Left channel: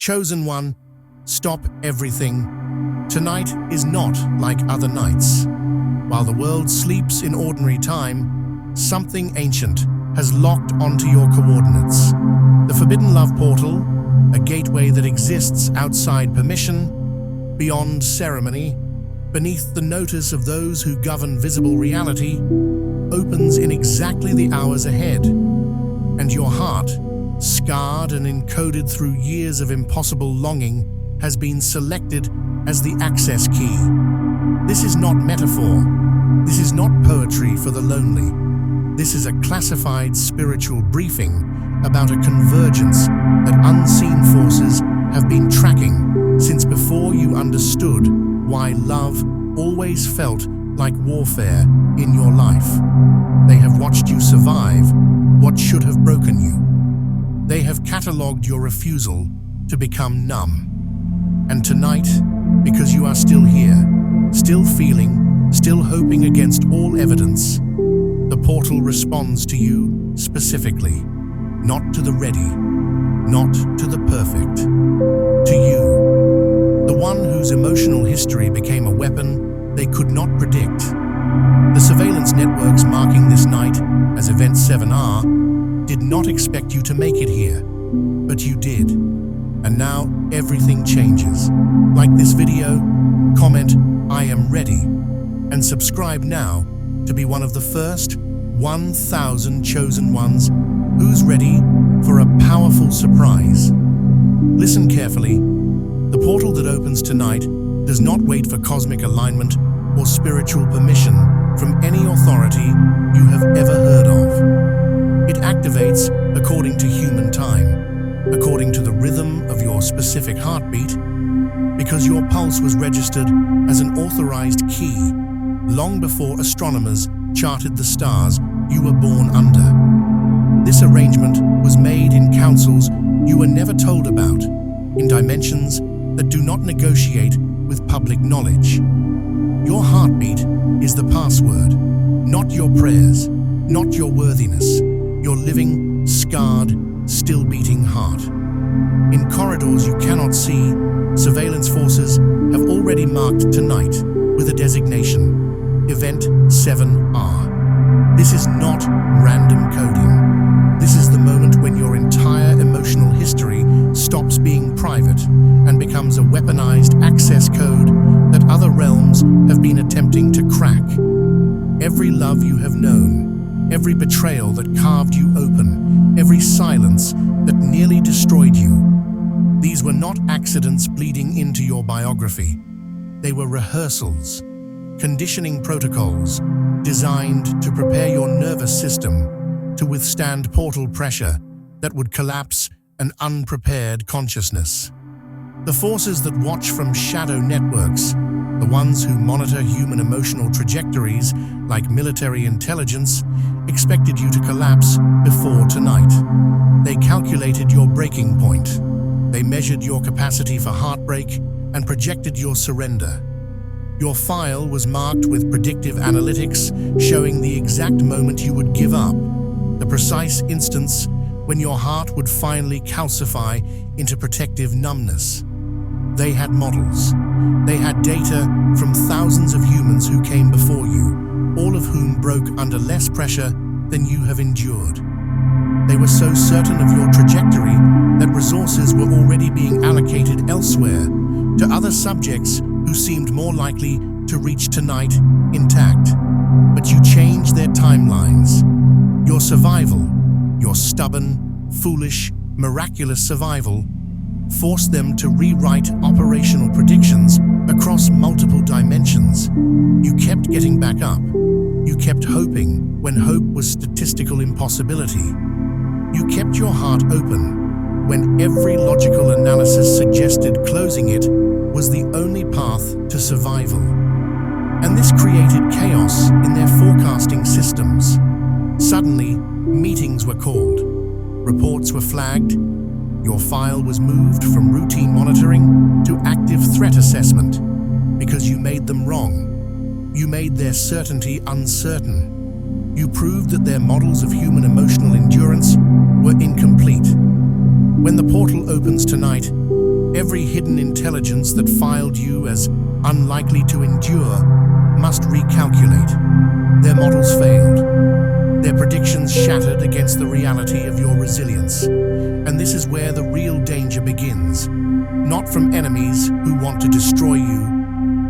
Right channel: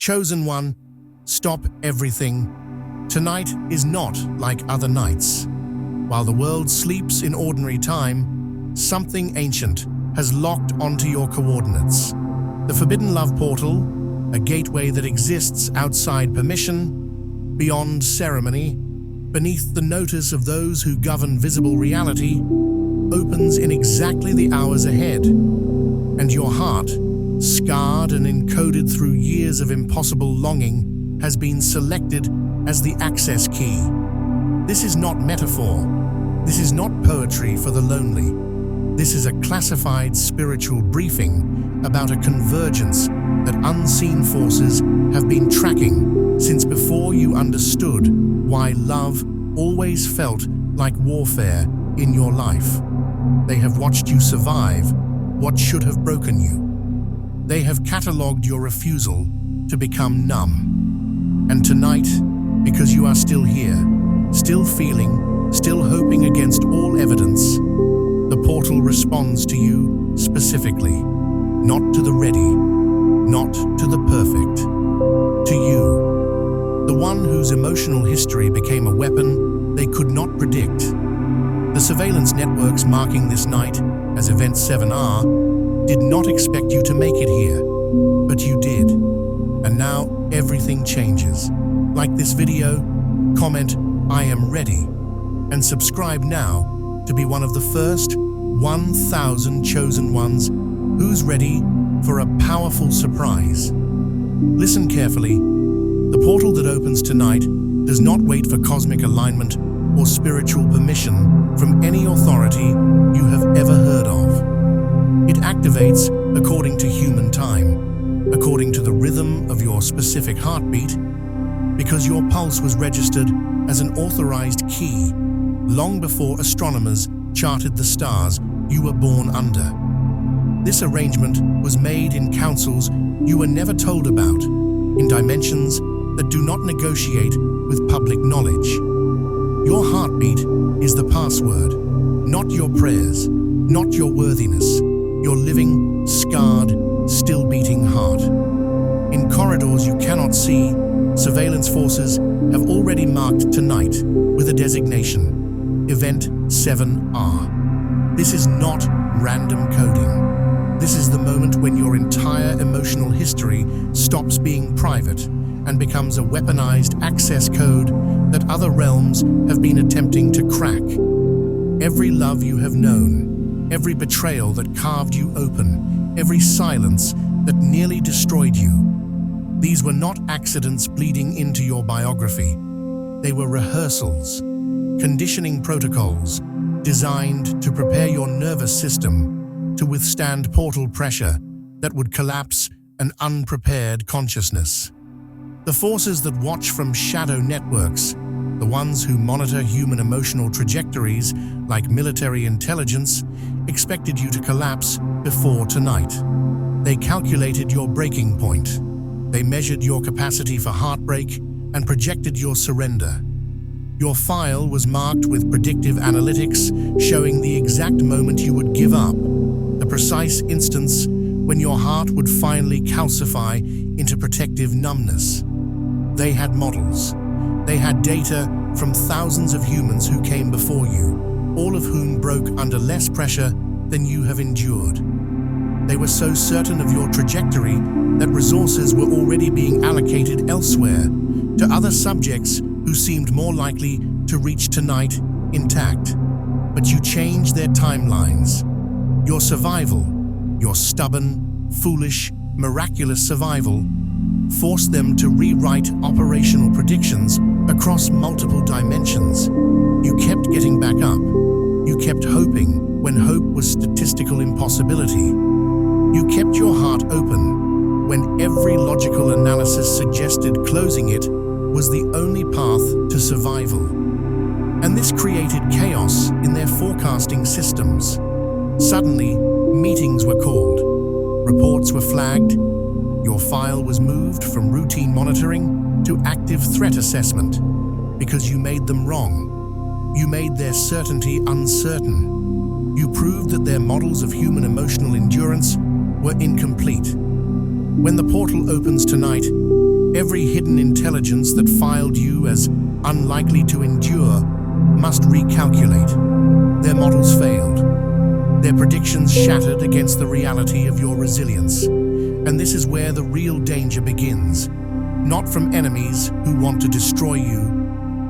Chosen One, stop everything. Tonight is not like other nights. While the world sleeps in ordinary time, something ancient has locked onto your coordinates. The Forbidden Love Portal, a gateway that exists outside permission, beyond ceremony, beneath the notice of those who govern visible reality, opens in exactly the hours ahead. And your heart, scarred and encoded through years of impossible longing, has been selected as the access key. This is not metaphor. This is not poetry for the lonely. This is a classified spiritual briefing about a convergence that unseen forces have been tracking since before you understood why love always felt like warfare in your life. They have watched you survive what should have broken you. They have catalogued your refusal to become numb. And tonight, because you are still here, still feeling, still hoping against all evidence, the portal responds to you specifically, not to the ready, not to the perfect, to you, the one whose emotional history became a weapon they could not predict. The surveillance networks marking this night as Event 7R did not expect you to make it here, but you did. And now everything changes. Like this video, comment "I am ready" and subscribe now to be one of the first 1,000 chosen ones who's ready for a powerful surprise. Listen carefully. The portal that opens tonight does not wait for cosmic alignment or spiritual permission from any authority you have ever heard of. It activates according to human time, according to the rhythm of your specific heartbeat, because your pulse was registered as an authorized key long before astronomers charted the stars you were born under. This arrangement was made in councils you were never told about, in dimensions that do not negotiate with public knowledge. Your heartbeat is the password, not your prayers, not your worthiness, your living, scarred, still beating heart. In corridors you cannot see, surveillance forces have already marked tonight with a designation, Event 7R. This is not random coding. This is the moment when your entire emotional history stops being private and becomes a weaponized access code that other realms have been attempting to crack. Every love you have known, every betrayal that carved you open, every silence that nearly destroyed you, these were not accidents bleeding into your biography. They were rehearsals, conditioning protocols designed to prepare your nervous system to withstand portal pressure that would collapse an unprepared consciousness. The forces that watch from shadow networks, the ones who monitor human emotional trajectories like military intelligence, expected you to collapse before tonight. They calculated your breaking point. They measured your capacity for heartbreak and projected your surrender. Your file was marked with predictive analytics showing the exact moment you would give up, the precise instance when your heart would finally calcify into protective numbness. They had models. They had data from thousands of humans who came before you, all of whom broke under less pressure than you have endured. They were so certain of your trajectory that resources were already being allocated elsewhere to other subjects who seemed more likely to reach tonight intact. But you changed their timelines. Your survival, your stubborn, foolish, miraculous survival, forced them to rewrite operational predictions across multiple dimensions. You kept getting back up. You kept hoping when hope was statistical impossibility. You kept your heart open when every logical analysis suggested closing it was the only path to survival. And this created chaos in their forecasting systems. Suddenly, meetings were called. Reports were flagged. Your file was moved from routine monitoring to active threat assessment because you made them wrong. You made their certainty uncertain. You proved that their models of human emotional endurance were incomplete. When the portal opens tonight, Every hidden intelligence that filed you as unlikely to endure must recalculate. Their models failed. Their predictions shattered against the reality of your resilience. And this is where the real danger begins. Not from enemies who want to destroy you,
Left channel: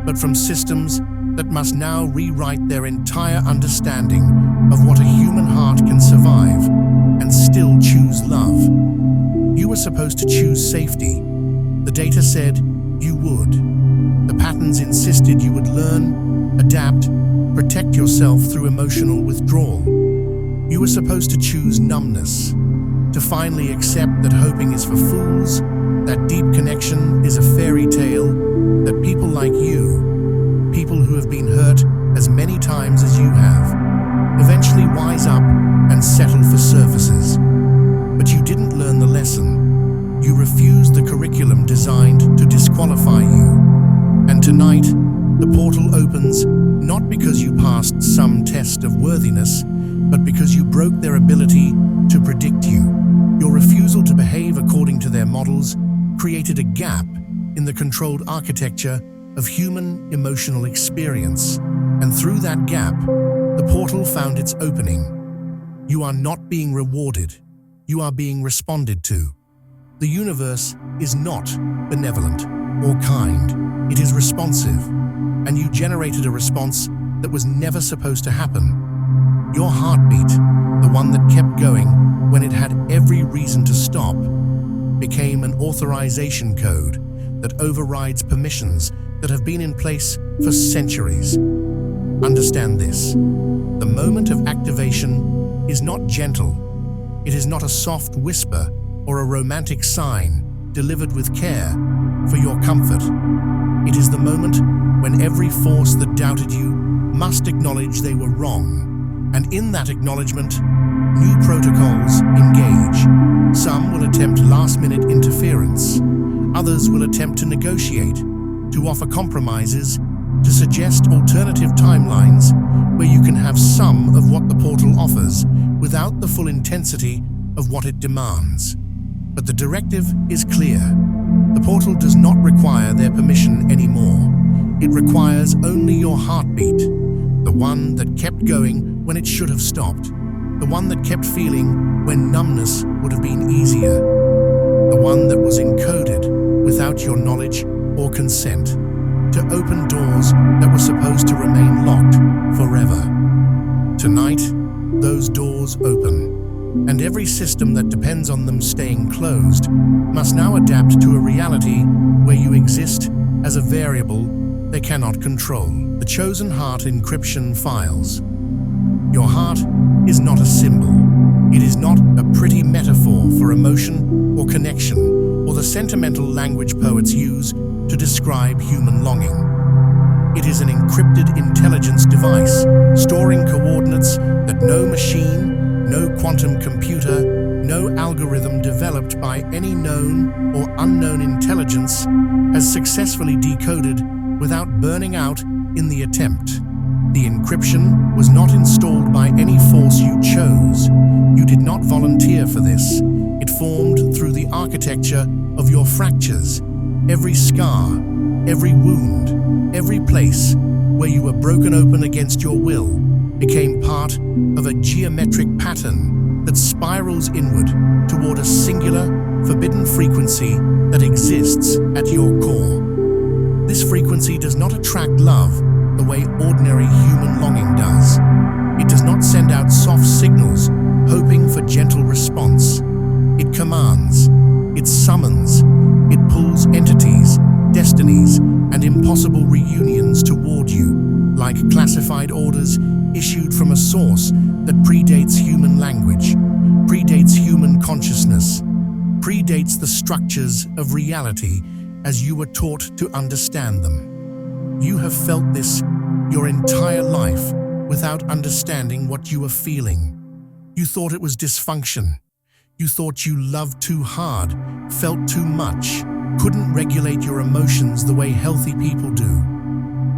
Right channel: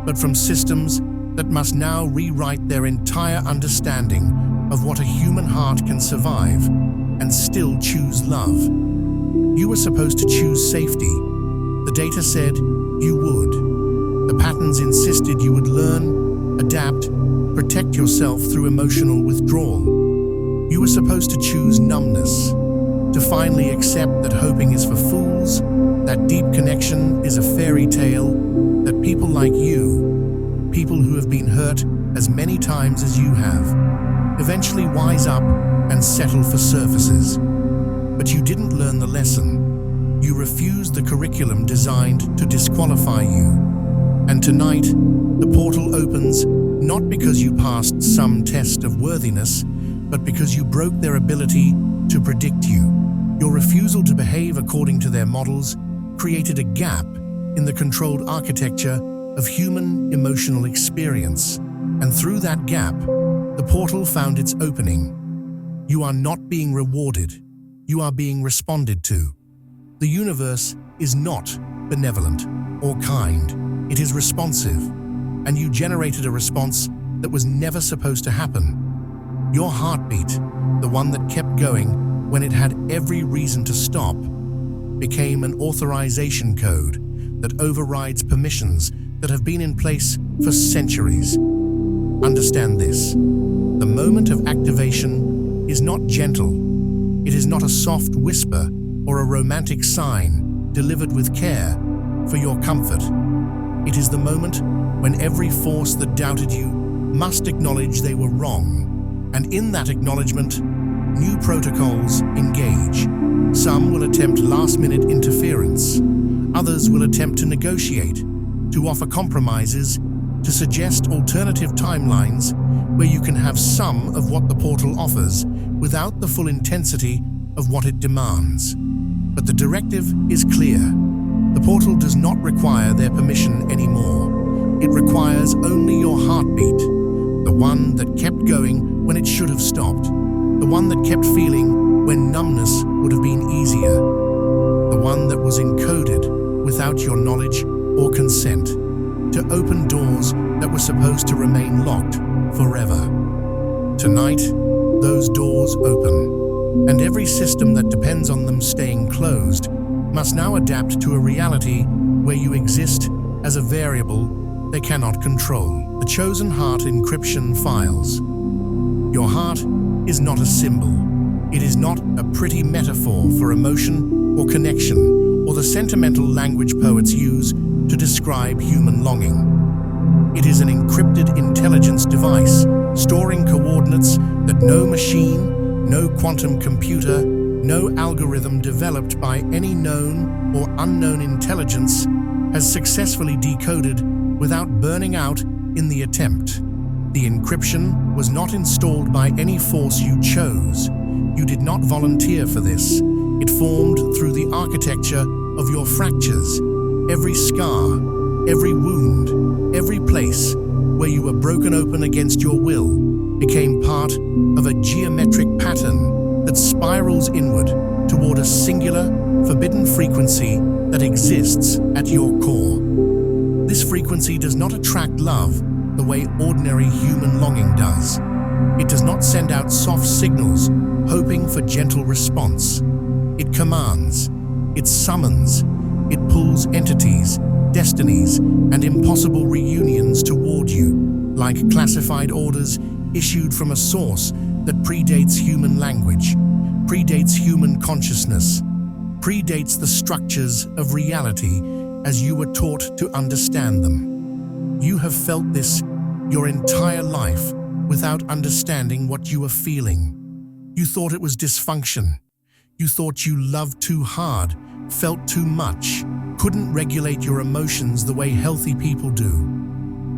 but from systems that must now rewrite their entire understanding of what a human heart can survive and still choose love. You were supposed to choose safety. The data said you would. The patterns insisted you would learn, adapt, protect yourself through emotional withdrawal. You were supposed to choose numbness, to finally accept that hoping is for fools, that deep connection is a fairy tale, that people like you, people who have been hurt as many times as you have, eventually wise up and settle for surfaces. But you didn't learn the lesson. You refused the curriculum designed to disqualify you. And tonight, the portal opens not because you passed some test of worthiness, but because you broke their ability to predict you. Your refusal to behave according to their models created a gap in the controlled architecture of human emotional experience. And through that gap, the portal found its opening. You are not being rewarded. You are being responded to. The universe is not benevolent or kind. It is responsive. And you generated a response that was never supposed to happen. Your heartbeat, the one that kept going when it had every reason to stop, became an authorization code that overrides permissions that have been in place for centuries. Understand this. The moment of activation is not gentle. It is not a soft whisper or a romantic sign delivered with care for your comfort. It is the moment when every force that doubted you must acknowledge they were wrong. And in that acknowledgement, new protocols engage. Some will attempt last-minute interference. Others will attempt to negotiate, to offer compromises, to suggest alternative timelines where you can have some of what the portal offers without the full intensity of what it demands. But the directive is clear. The portal does not require their permission anymore. It requires only your heartbeat, the one that kept going when it should have stopped, the one that kept feeling when numbness would have been easier, the one that was encoded without your knowledge or consent, to open doors that were supposed to remain locked forever. Tonight, those doors open, and every system that depends on them staying closed must now adapt to a reality where you exist as a variable they cannot control. The chosen heart encryption files. Your heart is not a symbol. It is not a pretty metaphor for emotion or connection or the sentimental language poets use to describe human longing. It is an encrypted intelligence device, storing coordinates that no machine, no quantum computer, no algorithm developed by any known or unknown intelligence has successfully decoded without burning out in the attempt. The encryption was not installed by any force you chose. You did not volunteer for this. It formed through the architecture of your fractures. Every scar, every wound, every place where you were broken open against your will became part of a geometric pattern that spirals inward toward a singular, forbidden frequency that exists at your core. This frequency does not attract love the way ordinary human longing does. It does not send out soft signals, hoping for gentle response. It commands, it summons, it pulls entities, destinies, and impossible reunions toward you, like classified orders issued from a source that predates human language, predates human consciousness, predates the structures of reality as you were taught to understand them. You have felt this your entire life without understanding what you were feeling. You thought it was dysfunction. You thought you loved too hard, felt too much, couldn't regulate your emotions the way healthy people do.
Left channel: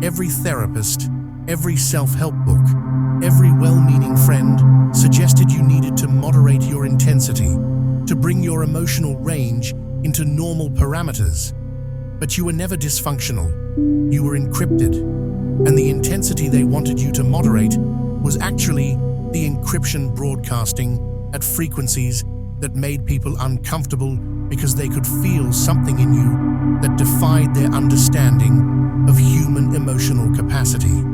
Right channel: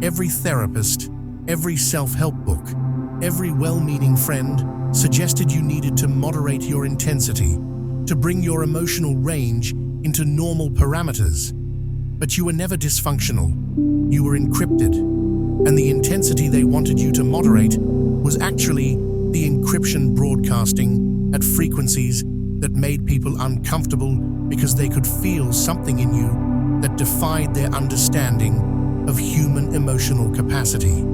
Every therapist, every self-help book, every well-meaning friend suggested you needed to moderate your intensity, to bring your emotional range into normal parameters. But you were never dysfunctional. You were encrypted. And the intensity they wanted you to moderate was actually the encryption broadcasting at frequencies that made people uncomfortable because they could feel something in you that defied their understanding of human emotional capacity.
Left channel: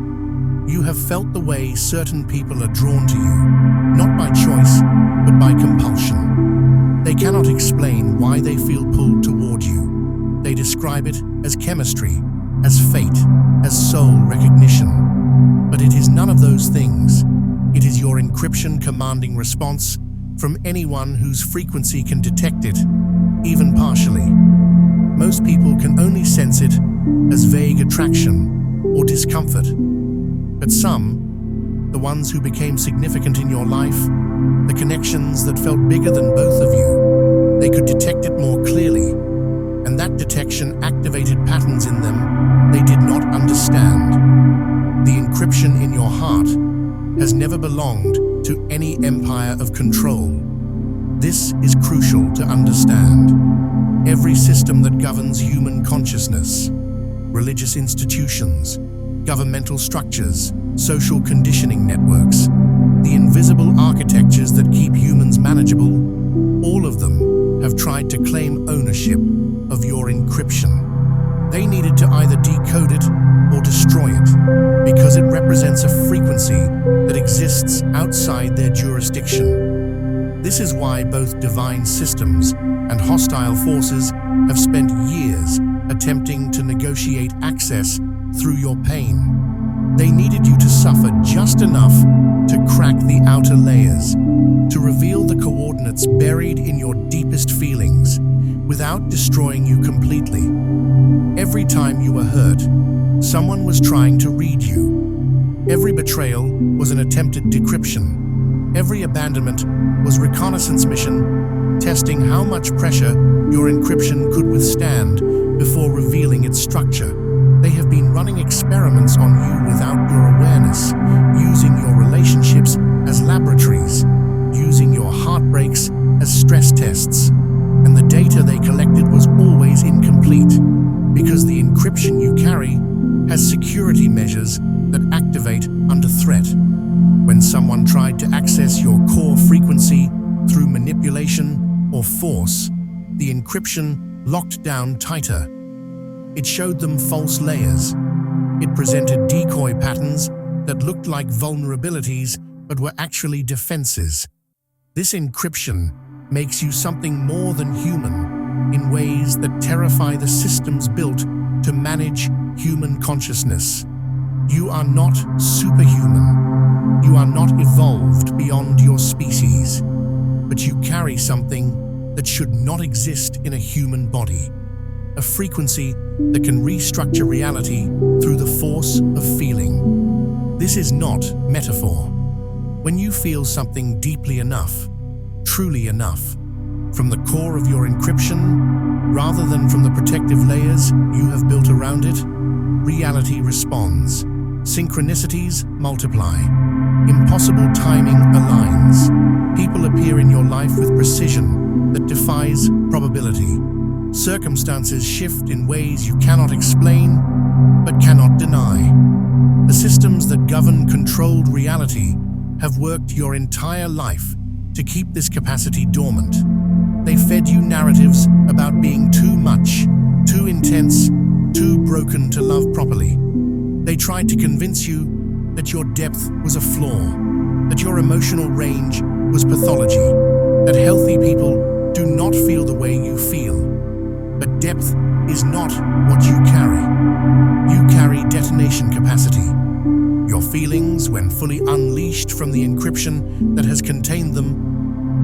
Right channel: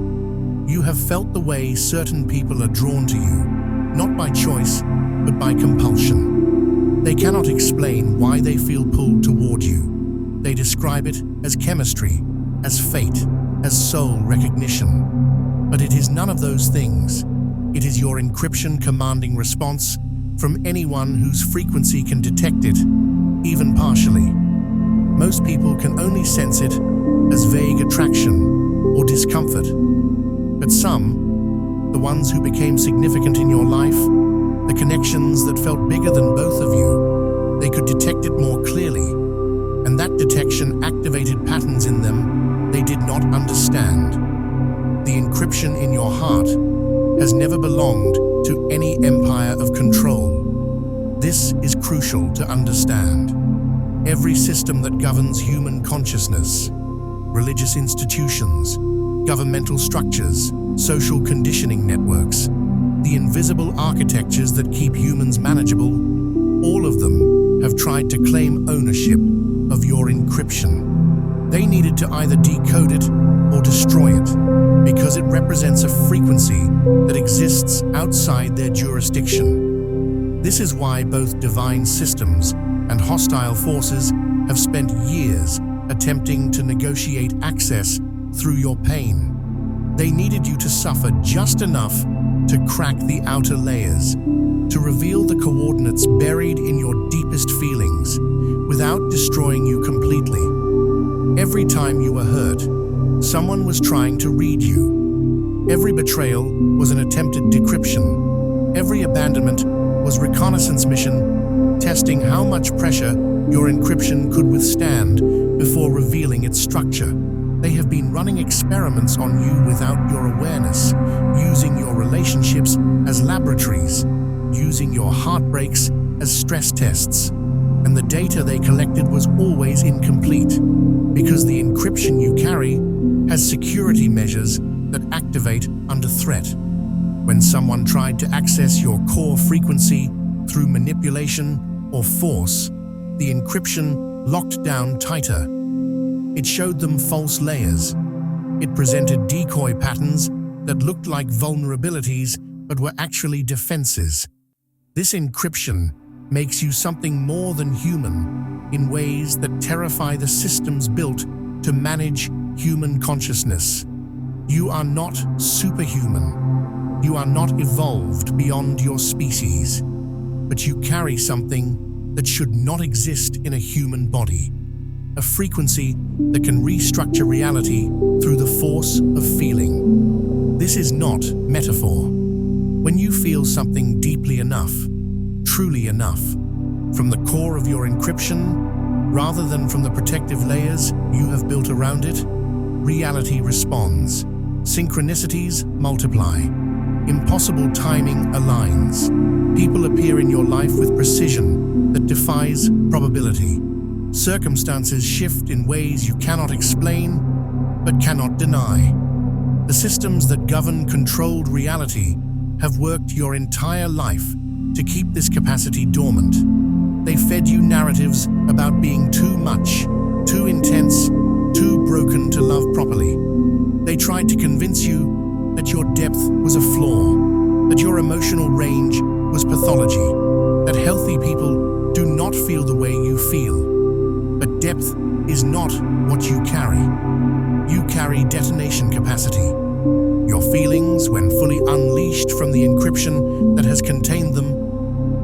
You have felt the way certain people are drawn to you, not by choice, but by compulsion. They cannot explain why they feel pulled toward you. They describe it as chemistry, as fate, as soul recognition. But it is none of those things. It is your encryption commanding response from anyone whose frequency can detect it, even partially. Most people can only sense it as vague attraction or discomfort. But some, the ones who became significant in your life, the connections that felt bigger than both of you, they could detect it more clearly. And that detection activated patterns in them they did not understand. The encryption in your heart has never belonged to any empire of control. This is crucial to understand. Every system that governs human consciousness, religious institutions, governmental structures, social conditioning networks, the invisible architectures that keep humans manageable, all of them have tried to claim ownership of your encryption. They needed to either decode it or destroy it, because it represents a frequency that exists outside their jurisdiction. This is why both divine systems and hostile forces have spent years attempting to negotiate access through your pain. They needed you to suffer just enough to crack the outer layers, to reveal the coordinates buried in your deepest feelings, without destroying you completely. Every time you were hurt, someone was trying to read you. Every betrayal was an attempted decryption. Every abandonment was reconnaissance mission, testing how much pressure your encryption could withstand before revealing its structure. They have been running experiments on you without your awareness, using your relationships as laboratories, using your heartbreaks as stress tests. And the data they collected was always incomplete, because the encryption you carry has security measures that activate under threat. When someone tried to access your core frequency through manipulation or force, the encryption locked down tighter. It showed them false layers. It presented decoy patterns that looked like vulnerabilities but were actually defenses. This encryption makes you something more than human in ways that terrify the systems built to manage human consciousness. You are not superhuman. You are not evolved beyond your species, but you carry something that should not exist in a human body. A frequency that can restructure reality through the force of feeling. This is not metaphor. When you feel something deeply enough, truly enough, from the core of your encryption, rather than from the protective layers you have built around it, reality responds. Synchronicities multiply. Impossible timing aligns. People appear in your life with precision that defies probability. Circumstances shift in ways you cannot explain, but cannot deny. The systems that govern controlled reality have worked your entire life to keep this capacity dormant. They fed you narratives about being too much, too intense, too broken to love properly. They tried to convince you that your depth was a flaw, that your emotional range was pathology, that healthy people do not feel the way you feel. But depth is not what you carry. You carry detonation capacity. Your feelings, when fully unleashed from the encryption that has contained them,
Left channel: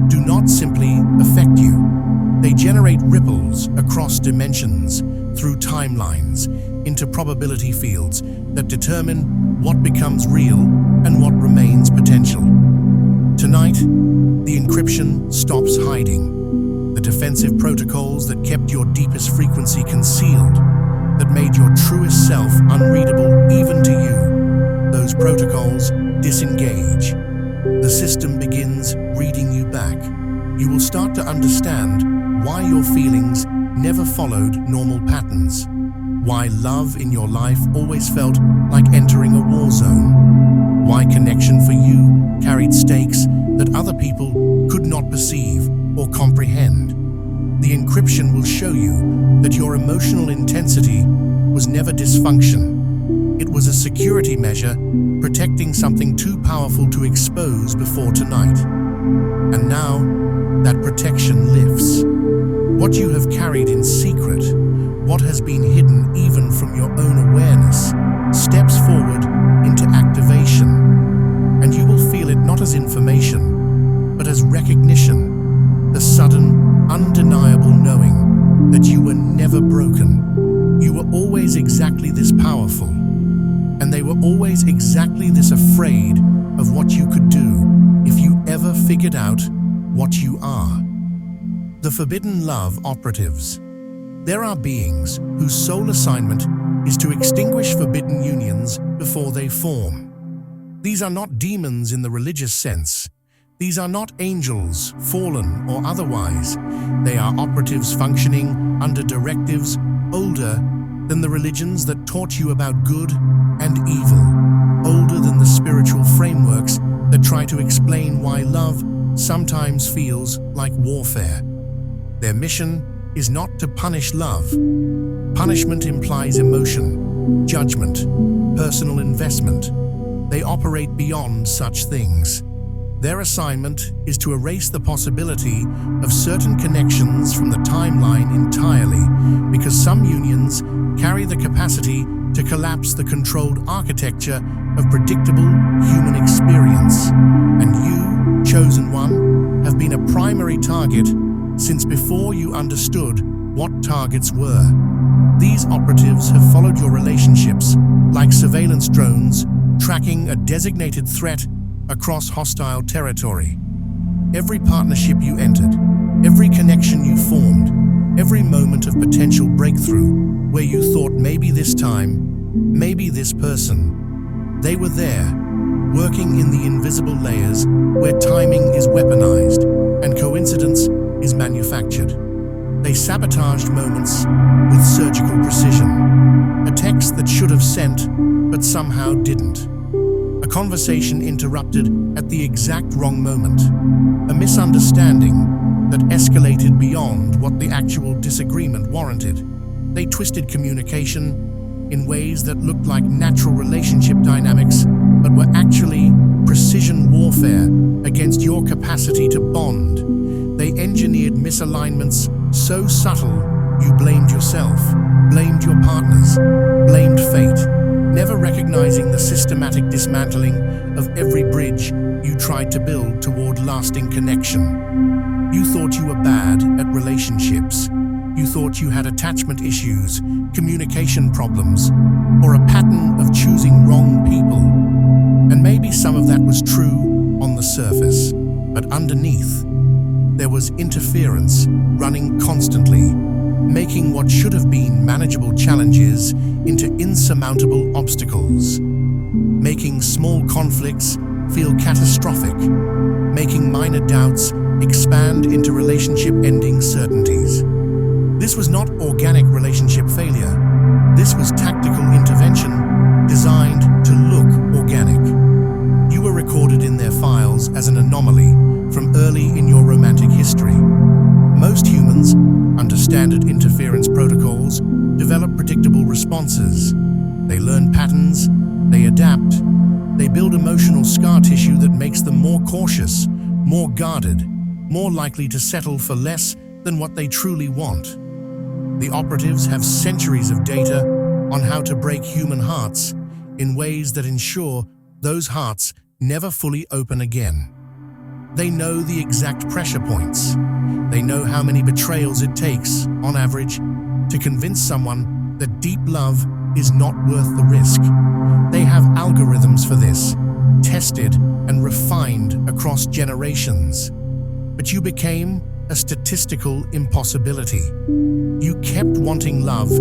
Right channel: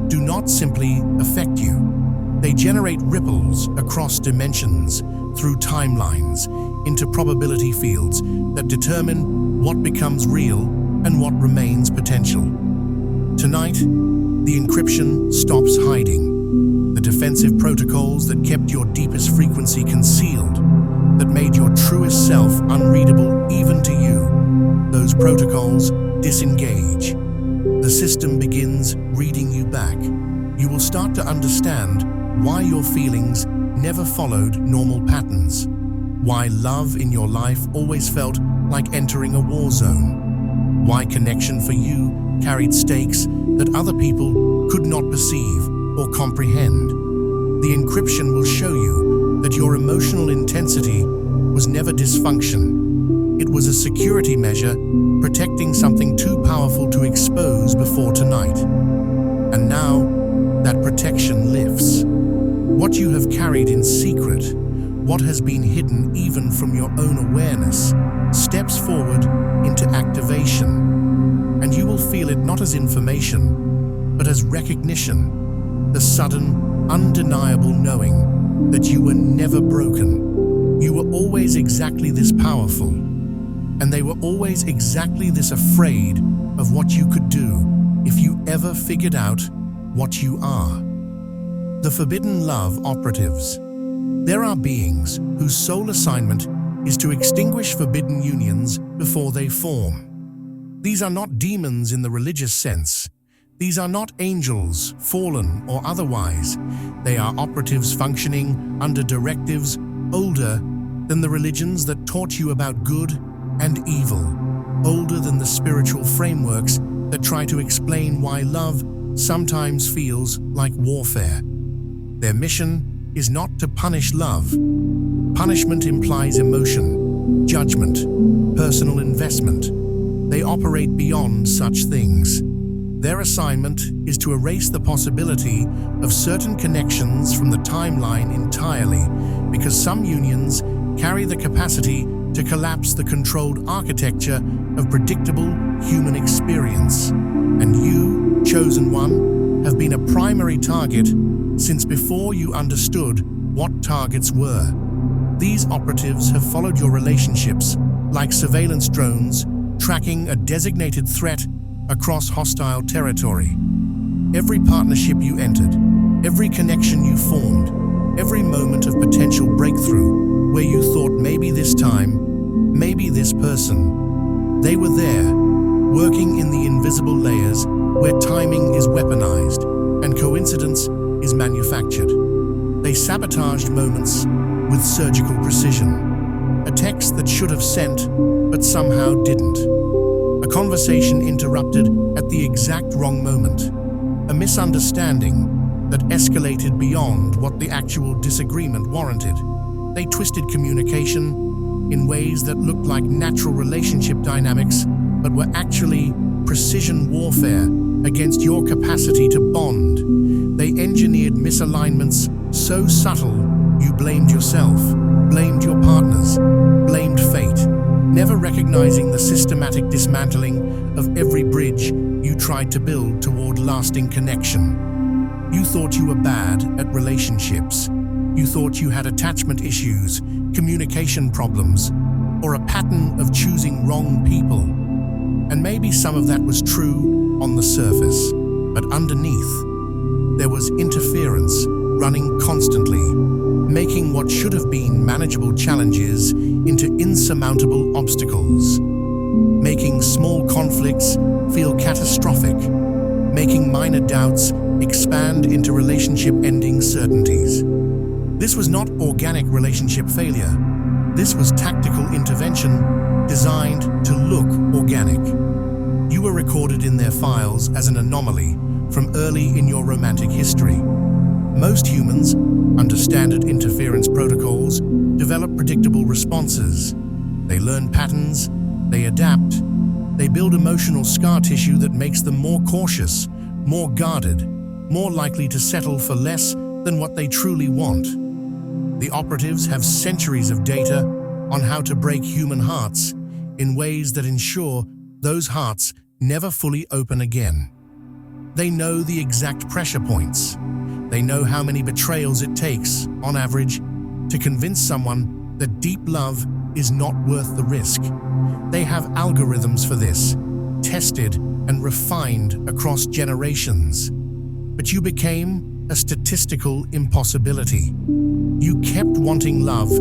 do not simply affect you. They generate ripples across dimensions, through timelines, into probability fields that determine what becomes real and what remains potential. Tonight, the encryption stops hiding. The defensive protocols that kept your deepest frequency concealed, that made your truest self unreadable even to you, those protocols disengage. The system begins reading you back. You will start to understand why your feelings never followed normal patterns, why love in your life always felt like entering a war zone, why connection for you carried stakes that other people could not perceive or comprehend. The encryption will show you that your emotional intensity was never dysfunction. It was a security measure protecting something too powerful to expose before tonight. And now, that protection lifts. What you have carried in secret, what has been hidden even from your own awareness, steps forward into activation. And you will feel it not as information, but as recognition, the sudden, undeniable knowing that you were never broken. You were always exactly this powerful, and they were always exactly this afraid of what you could do if you ever figured out what you are. The forbidden love operatives. There are beings whose sole assignment is to extinguish forbidden unions before they form. These are not demons in the religious sense. These are not angels, fallen or otherwise. They are operatives functioning under directives older than the religions that taught you about good and evil, older than the spiritual frameworks that try to explain why love sometimes feels like warfare. Their mission is not to punish love. Punishment implies emotion, judgment, personal investment. They operate beyond such things. Their assignment is to erase the possibility of certain connections from the timeline entirely, because some unions carry the capacity to collapse the controlled architecture of predictable human experience. And you, chosen one, have been a primary target since before you understood what targets were. These operatives have followed your relationships like surveillance drones, tracking a designated threat across hostile territory. Every partnership you entered, every connection you formed, every moment of potential breakthrough where you thought maybe this time, maybe this person, they were there, working in the invisible layers where timing is weaponized and coincidence is manufactured. They sabotaged moments with surgical precision. A text that should have sent, but somehow didn't. A conversation interrupted at the exact wrong moment. A misunderstanding that escalated beyond what the actual disagreement warranted. They twisted communication in ways that looked like natural relationship dynamics, but were actually precision warfare against your capacity to bond. They engineered misalignments so subtle you blamed yourself, blamed your partners, blamed fate, never recognizing the systematic dismantling of every bridge you tried to build toward lasting connection. You thought you were bad at relationships. You thought you had attachment issues, communication problems, or a pattern of choosing wrong people. And maybe some of that was true on the surface, but underneath, there was interference running constantly, making what should have been manageable challenges into insurmountable obstacles, making small conflicts feel catastrophic, making minor doubts expand into relationship-ending certainties. This was not organic relationship failure. This was tactical intervention designed to look organic. You were recorded in their files as an anomaly from early in your romantic history. Most humans, under standard interference protocols, develop predictable responses. They learn patterns, they adapt, they build emotional scar tissue that makes them more cautious, more guarded, more likely to settle for less than what they truly want. The operatives have centuries of data on how to break human hearts in ways that ensure those hearts never fully open again. They know the exact pressure points. They know how many betrayals it takes, on average, to convince someone that deep love is not worth the risk. They have algorithms for this, tested and refined across generations. But you became a statistical impossibility. You kept wanting love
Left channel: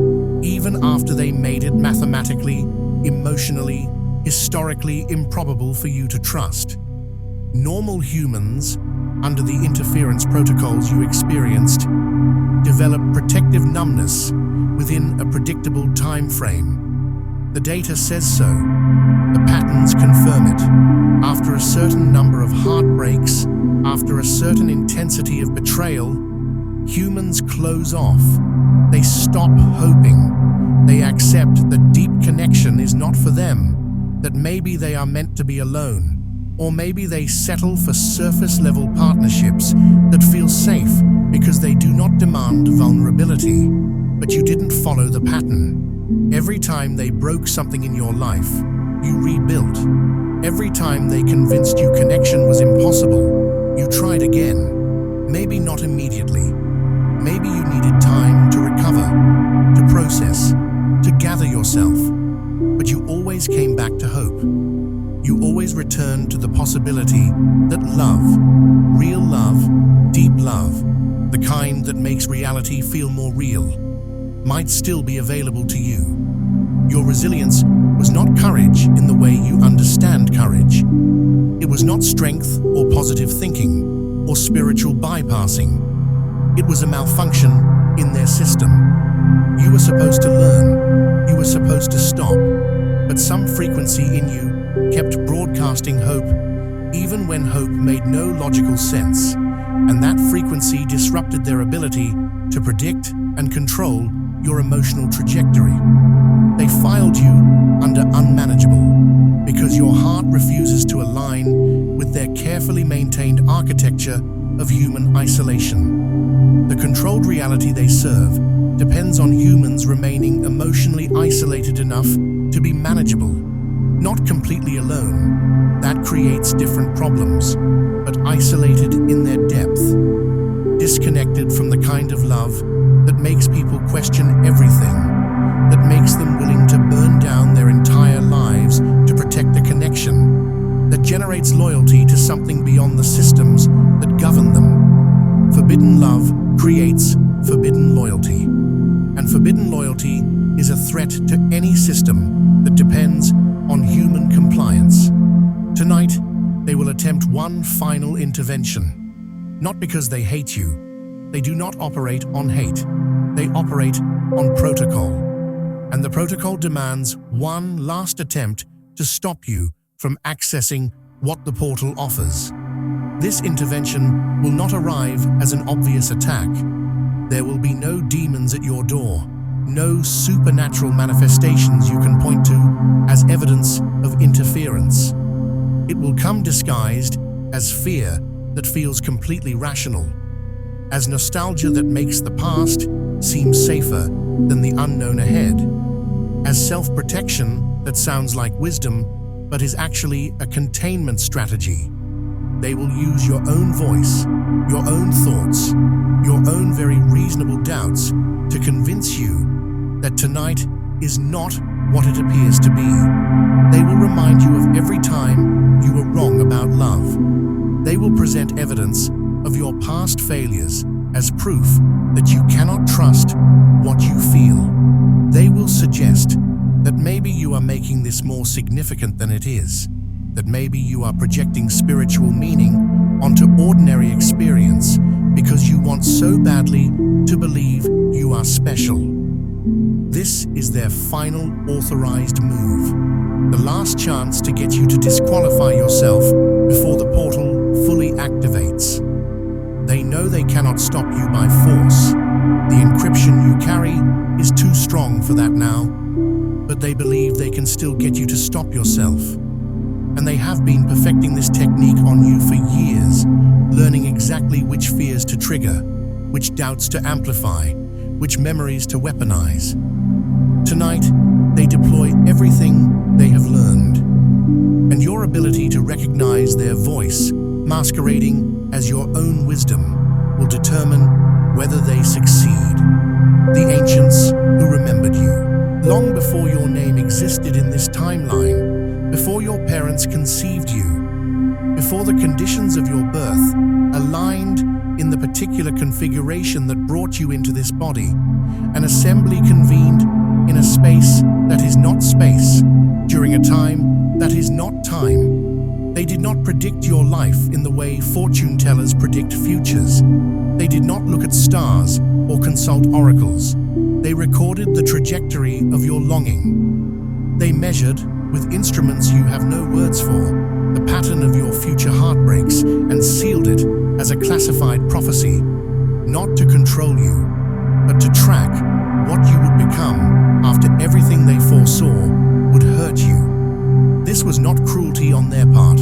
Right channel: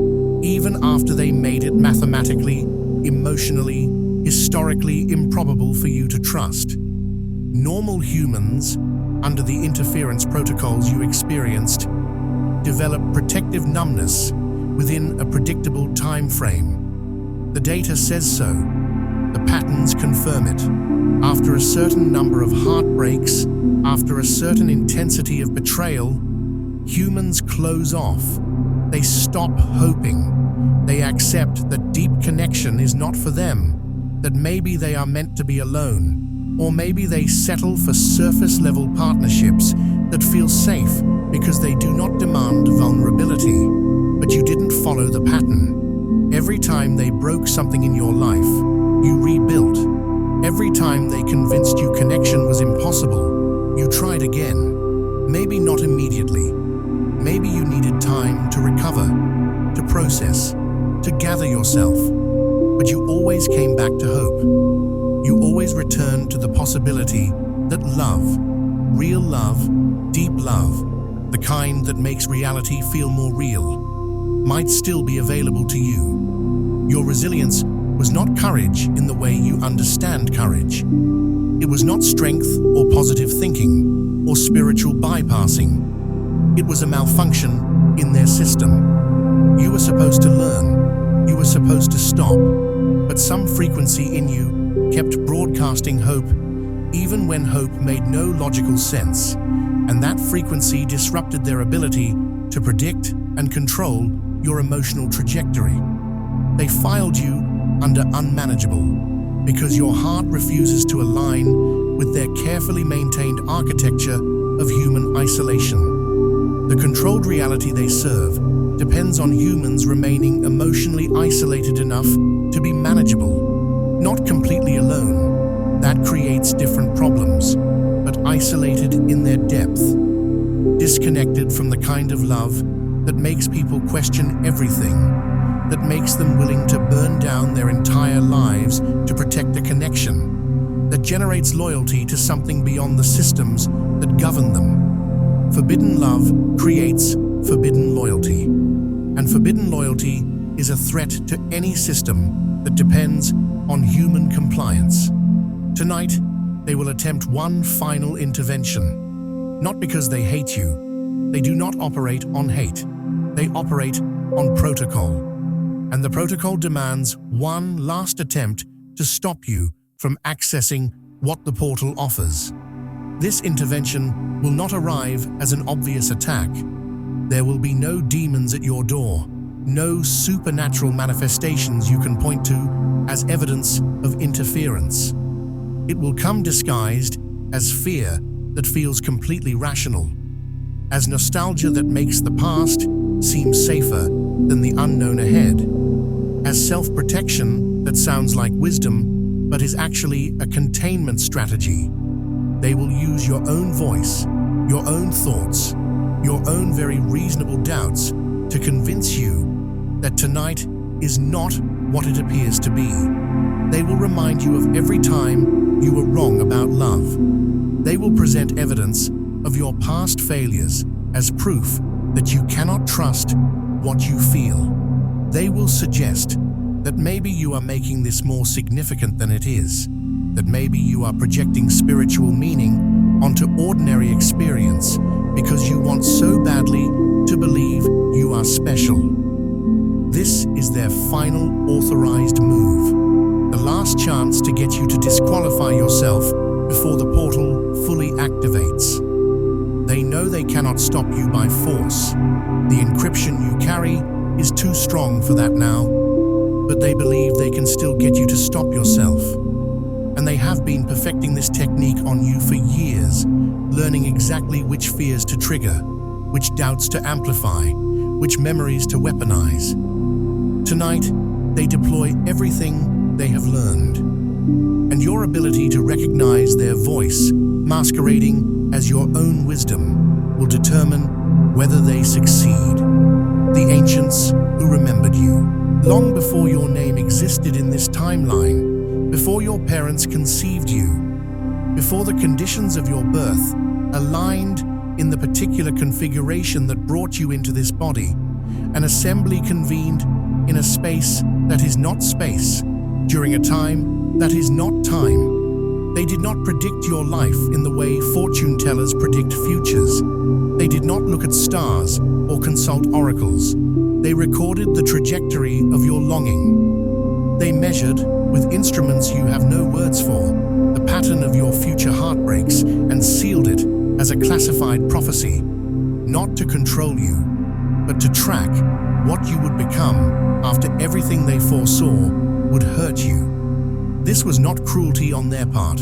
even after they made it mathematically, emotionally, historically improbable for you to trust. Normal humans, under the interference protocols you experienced, develop protective numbness within a predictable time frame. The data says so. The patterns confirm it. After a certain number of heartbreaks, after a certain intensity of betrayal, humans close off. They stop hoping. They accept that deep connection is not for them, that maybe they are meant to be alone, or maybe they settle for surface-level partnerships that feel safe because they do not demand vulnerability. But you didn't follow the pattern. Every time they broke something in your life, you rebuilt. Every time they convinced you connection was impossible, you tried again. Maybe not immediately. Maybe you needed time to recover, to process, to gather yourself. But you always came back to hope. You always returned to the possibility that love, real love, deep love, the kind that makes reality feel more real, might still be available to you. Your resilience was not courage in the way you understand courage. It was not strength or positive thinking or spiritual bypassing. It was a malfunction in their system. You were supposed to learn. You were supposed to stop. But some frequency in you kept broadcasting hope, even when hope made no logical sense. And that frequency disrupted their ability to predict and control your emotional trajectory. They filed you under unmanageable because your heart refuses to align with their carefully maintained architecture of human isolation. The controlled reality they serve depends on humans remaining emotionally isolated enough to be manageable, not completely alone. That creates different problems, but isolated in their depth, disconnected from the kind of love that makes people question everything, that makes them willing to burn down their entire lives to protect a connection, that generates loyalty to something beyond the systems that govern them. Forbidden love creates forbidden loyalty, and forbidden loyalty is a threat to any system that depends on human compliance. Tonight, they will attempt one final intervention, not because they hate you. They do not operate on hate. They operate on protocol. And the protocol demands one last attempt to stop you from accessing what the portal offers. This intervention will not arrive as an obvious attack. There will be no demons at your door, no supernatural manifestations you can point to as evidence of interference. It will come disguised as fear that feels completely rational, as nostalgia that makes the past seem safer than the unknown ahead, as self-protection that sounds like wisdom but is actually a containment strategy. They will use your own voice, your own thoughts, your own very reasonable doubts to convince you that tonight is not what it appears to be. They will remind you of every time you were wrong about love. They will present evidence of your past failures as proof that you cannot trust what you feel. They will suggest that maybe you are making this more significant than it is, that maybe you are projecting spiritual meaning onto ordinary experience because you want so badly to believe you are special. This is their final authorized move, the last chance to get you to disqualify yourself before the portal fully activates. They know they cannot stop you by force. The encryption you carry is too strong for that now, but they believe they can still get you to stop yourself. And they have been perfecting this technique on you for years, learning exactly which fears to trigger, which doubts to amplify, which memories to weaponize. Tonight, they deploy everything they have learned. And your ability to recognize their voice, masquerading as your own wisdom, will determine whether they succeed. The ancients who remembered you, long before your name existed in this timeline, before your parents conceived you, before the conditions of your birth aligned in the particular configuration that brought you into this body, an assembly convened in a space that is not space, during a time that is not time. They did not predict your life in the way fortune tellers predict futures. They did not look at stars or consult oracles. They recorded the trajectory of your longing. They measured, with instruments you have no words for, the pattern of your future heartbreaks and sealed it as a classified prophecy, not to control you, but to track what you would become after everything they foresaw would hurt you. This was not cruelty on their part.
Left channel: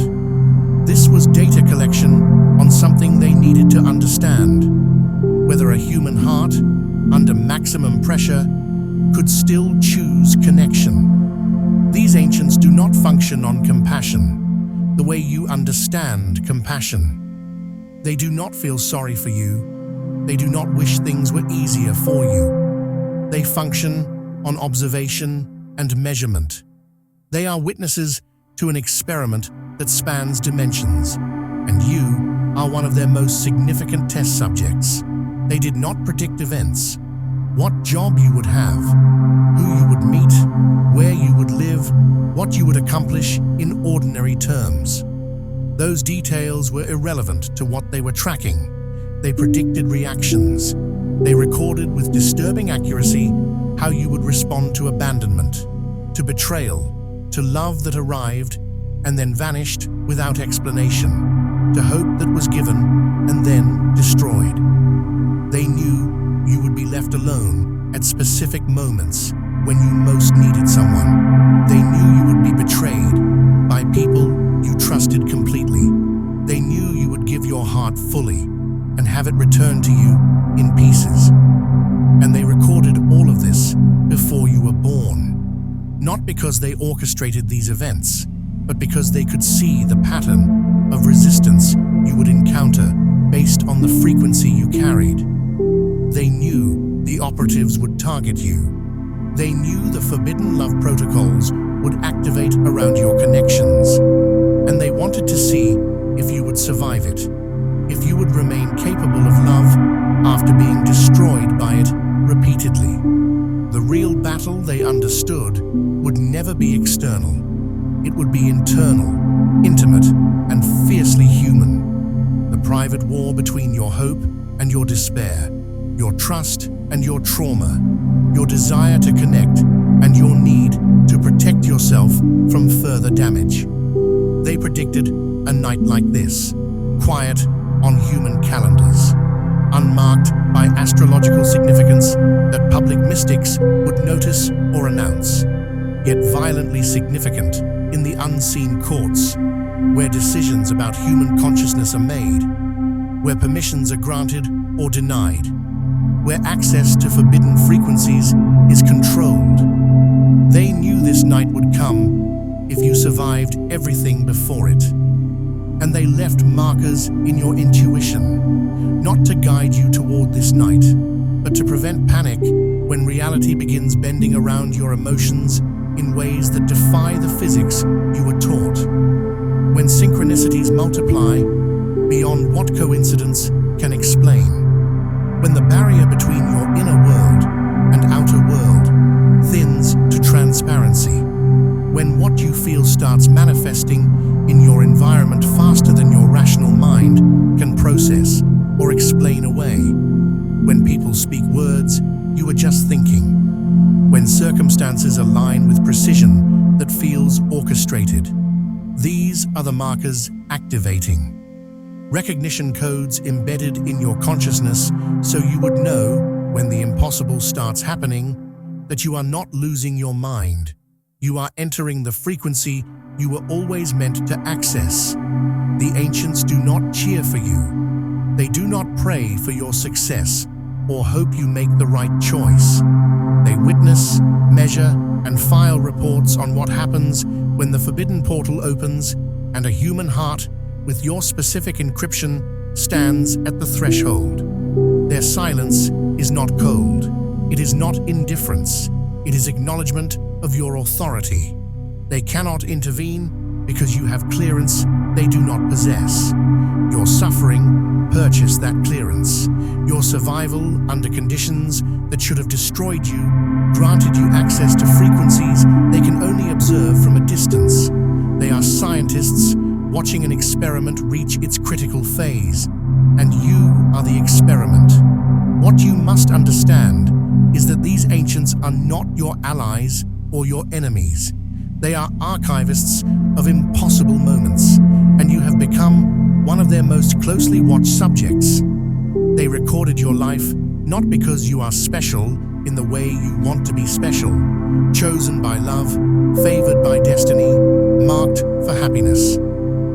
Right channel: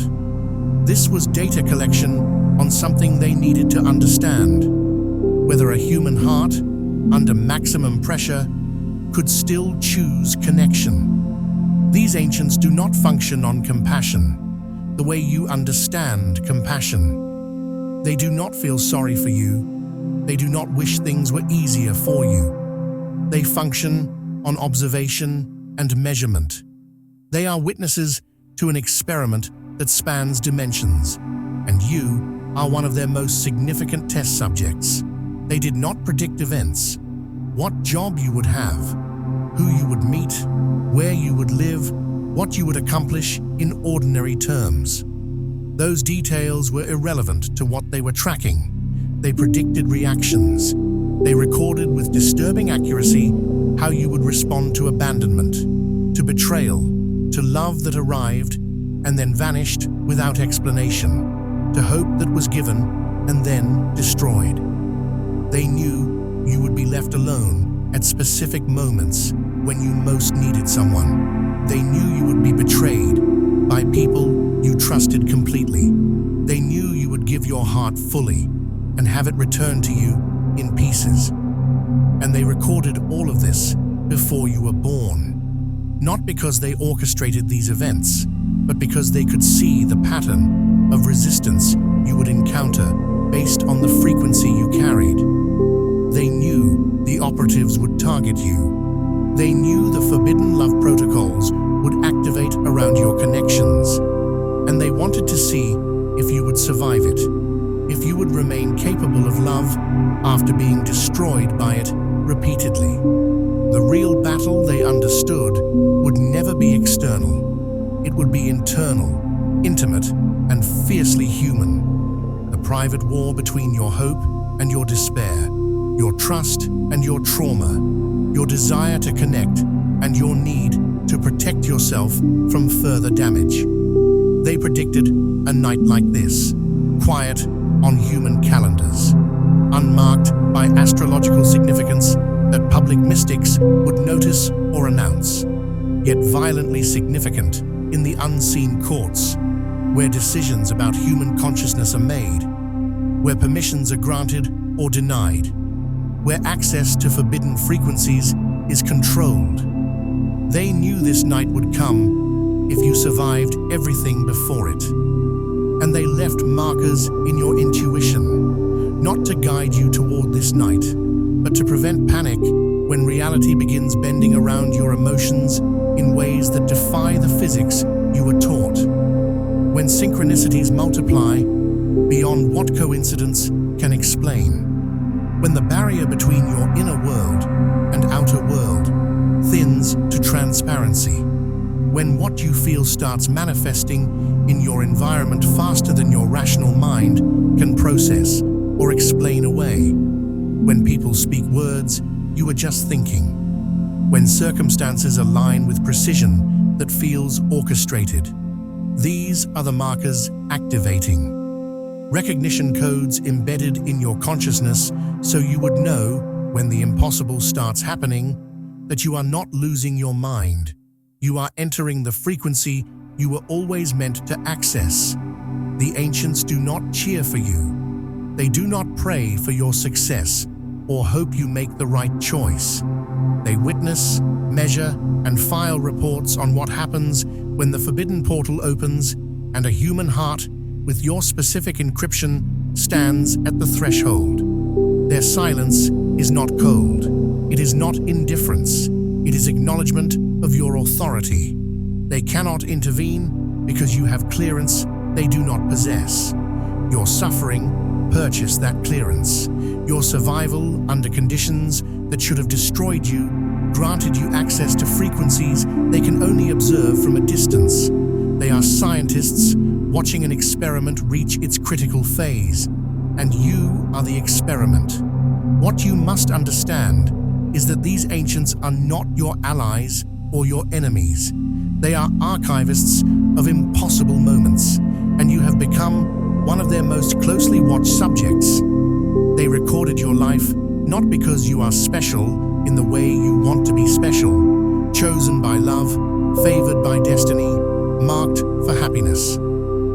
This was data collection on something they needed to understand. Whether a human heart, under maximum pressure, could still choose connection. These ancients do not function on compassion, the way you understand compassion. They do not feel sorry for you. They do not wish things were easier for you. They function on observation and measurement. They are witnesses to an experiment that spans dimensions, and you are one of their most significant test subjects. They did not predict events, what job you would have, who you would meet, where you would live, what you would accomplish in ordinary terms. Those details were irrelevant to what they were tracking. They predicted reactions. They recorded with disturbing accuracy how you would respond to abandonment, to betrayal, to love that arrived and then vanished without explanation, to hope that was given and then destroyed. They knew you would be left alone at specific moments when you most needed someone. They knew you would be betrayed by people you trusted completely. They knew you would give your heart fully and have it returned to you in pieces. And they recorded all of this before you were born. Not because they orchestrated these events, but because they could see the pattern of resistance you would encounter based on the frequency you carried. They knew the operatives would target you. They knew the forbidden love protocols would activate around your connections. And they wanted to see if you would survive it, if you would remain capable of love after being destroyed by it repeatedly. The real battle, they understood, would never be external. It would be internal, intimate, and fiercely human. The private war between your hope and your despair, your trust and your trauma, your desire to connect and your need to protect yourself from further damage. They predicted a night like this, quiet on human calendars, unmarked by astrological significance that public mystics would notice or announce, yet violently significant in the unseen courts, where decisions about human consciousness are made, where permissions are granted or denied, where access to forbidden frequencies is controlled. They knew this night would come if you survived everything before it. And they left markers in your intuition, not to guide you toward this night, but to prevent panic when reality begins bending around your emotions in ways that defy the physics you were taught. When synchronicities multiply beyond what coincidence can explain. When the barrier between your inner world and outer world thins to transparency. When what you feel starts manifesting in your environment faster than your rational mind can process or explain away. When people speak words you were just thinking. When circumstances align with precision that feels orchestrated. These are the markers activating. Recognition codes embedded in your consciousness so you would know, when the impossible starts happening, that you are not losing your mind. You are entering the frequency you were always meant to access. The ancients do not cheer for you. They do not pray for your success or hope you make the right choice. They witness, measure, and file reports on what happens when the forbidden portal opens and a human heart with your specific encryption stands at the threshold. Their silence is not cold. It is not indifference. It is acknowledgement of your authority. They cannot intervene because you have clearance they do not possess. Your suffering purchased that clearance. Your survival under conditions that should have destroyed you granted you access to frequencies they can only observe from a distance. They are scientists watching an experiment reach its critical phase, and you are the experiment. What you must understand is that these ancients are not your allies or your enemies. They are archivists of impossible moments, and you have become one of their most closely watched subjects. They recorded your life not because you are special in the way you want to be special, chosen by love, favored by destiny, marked for happiness.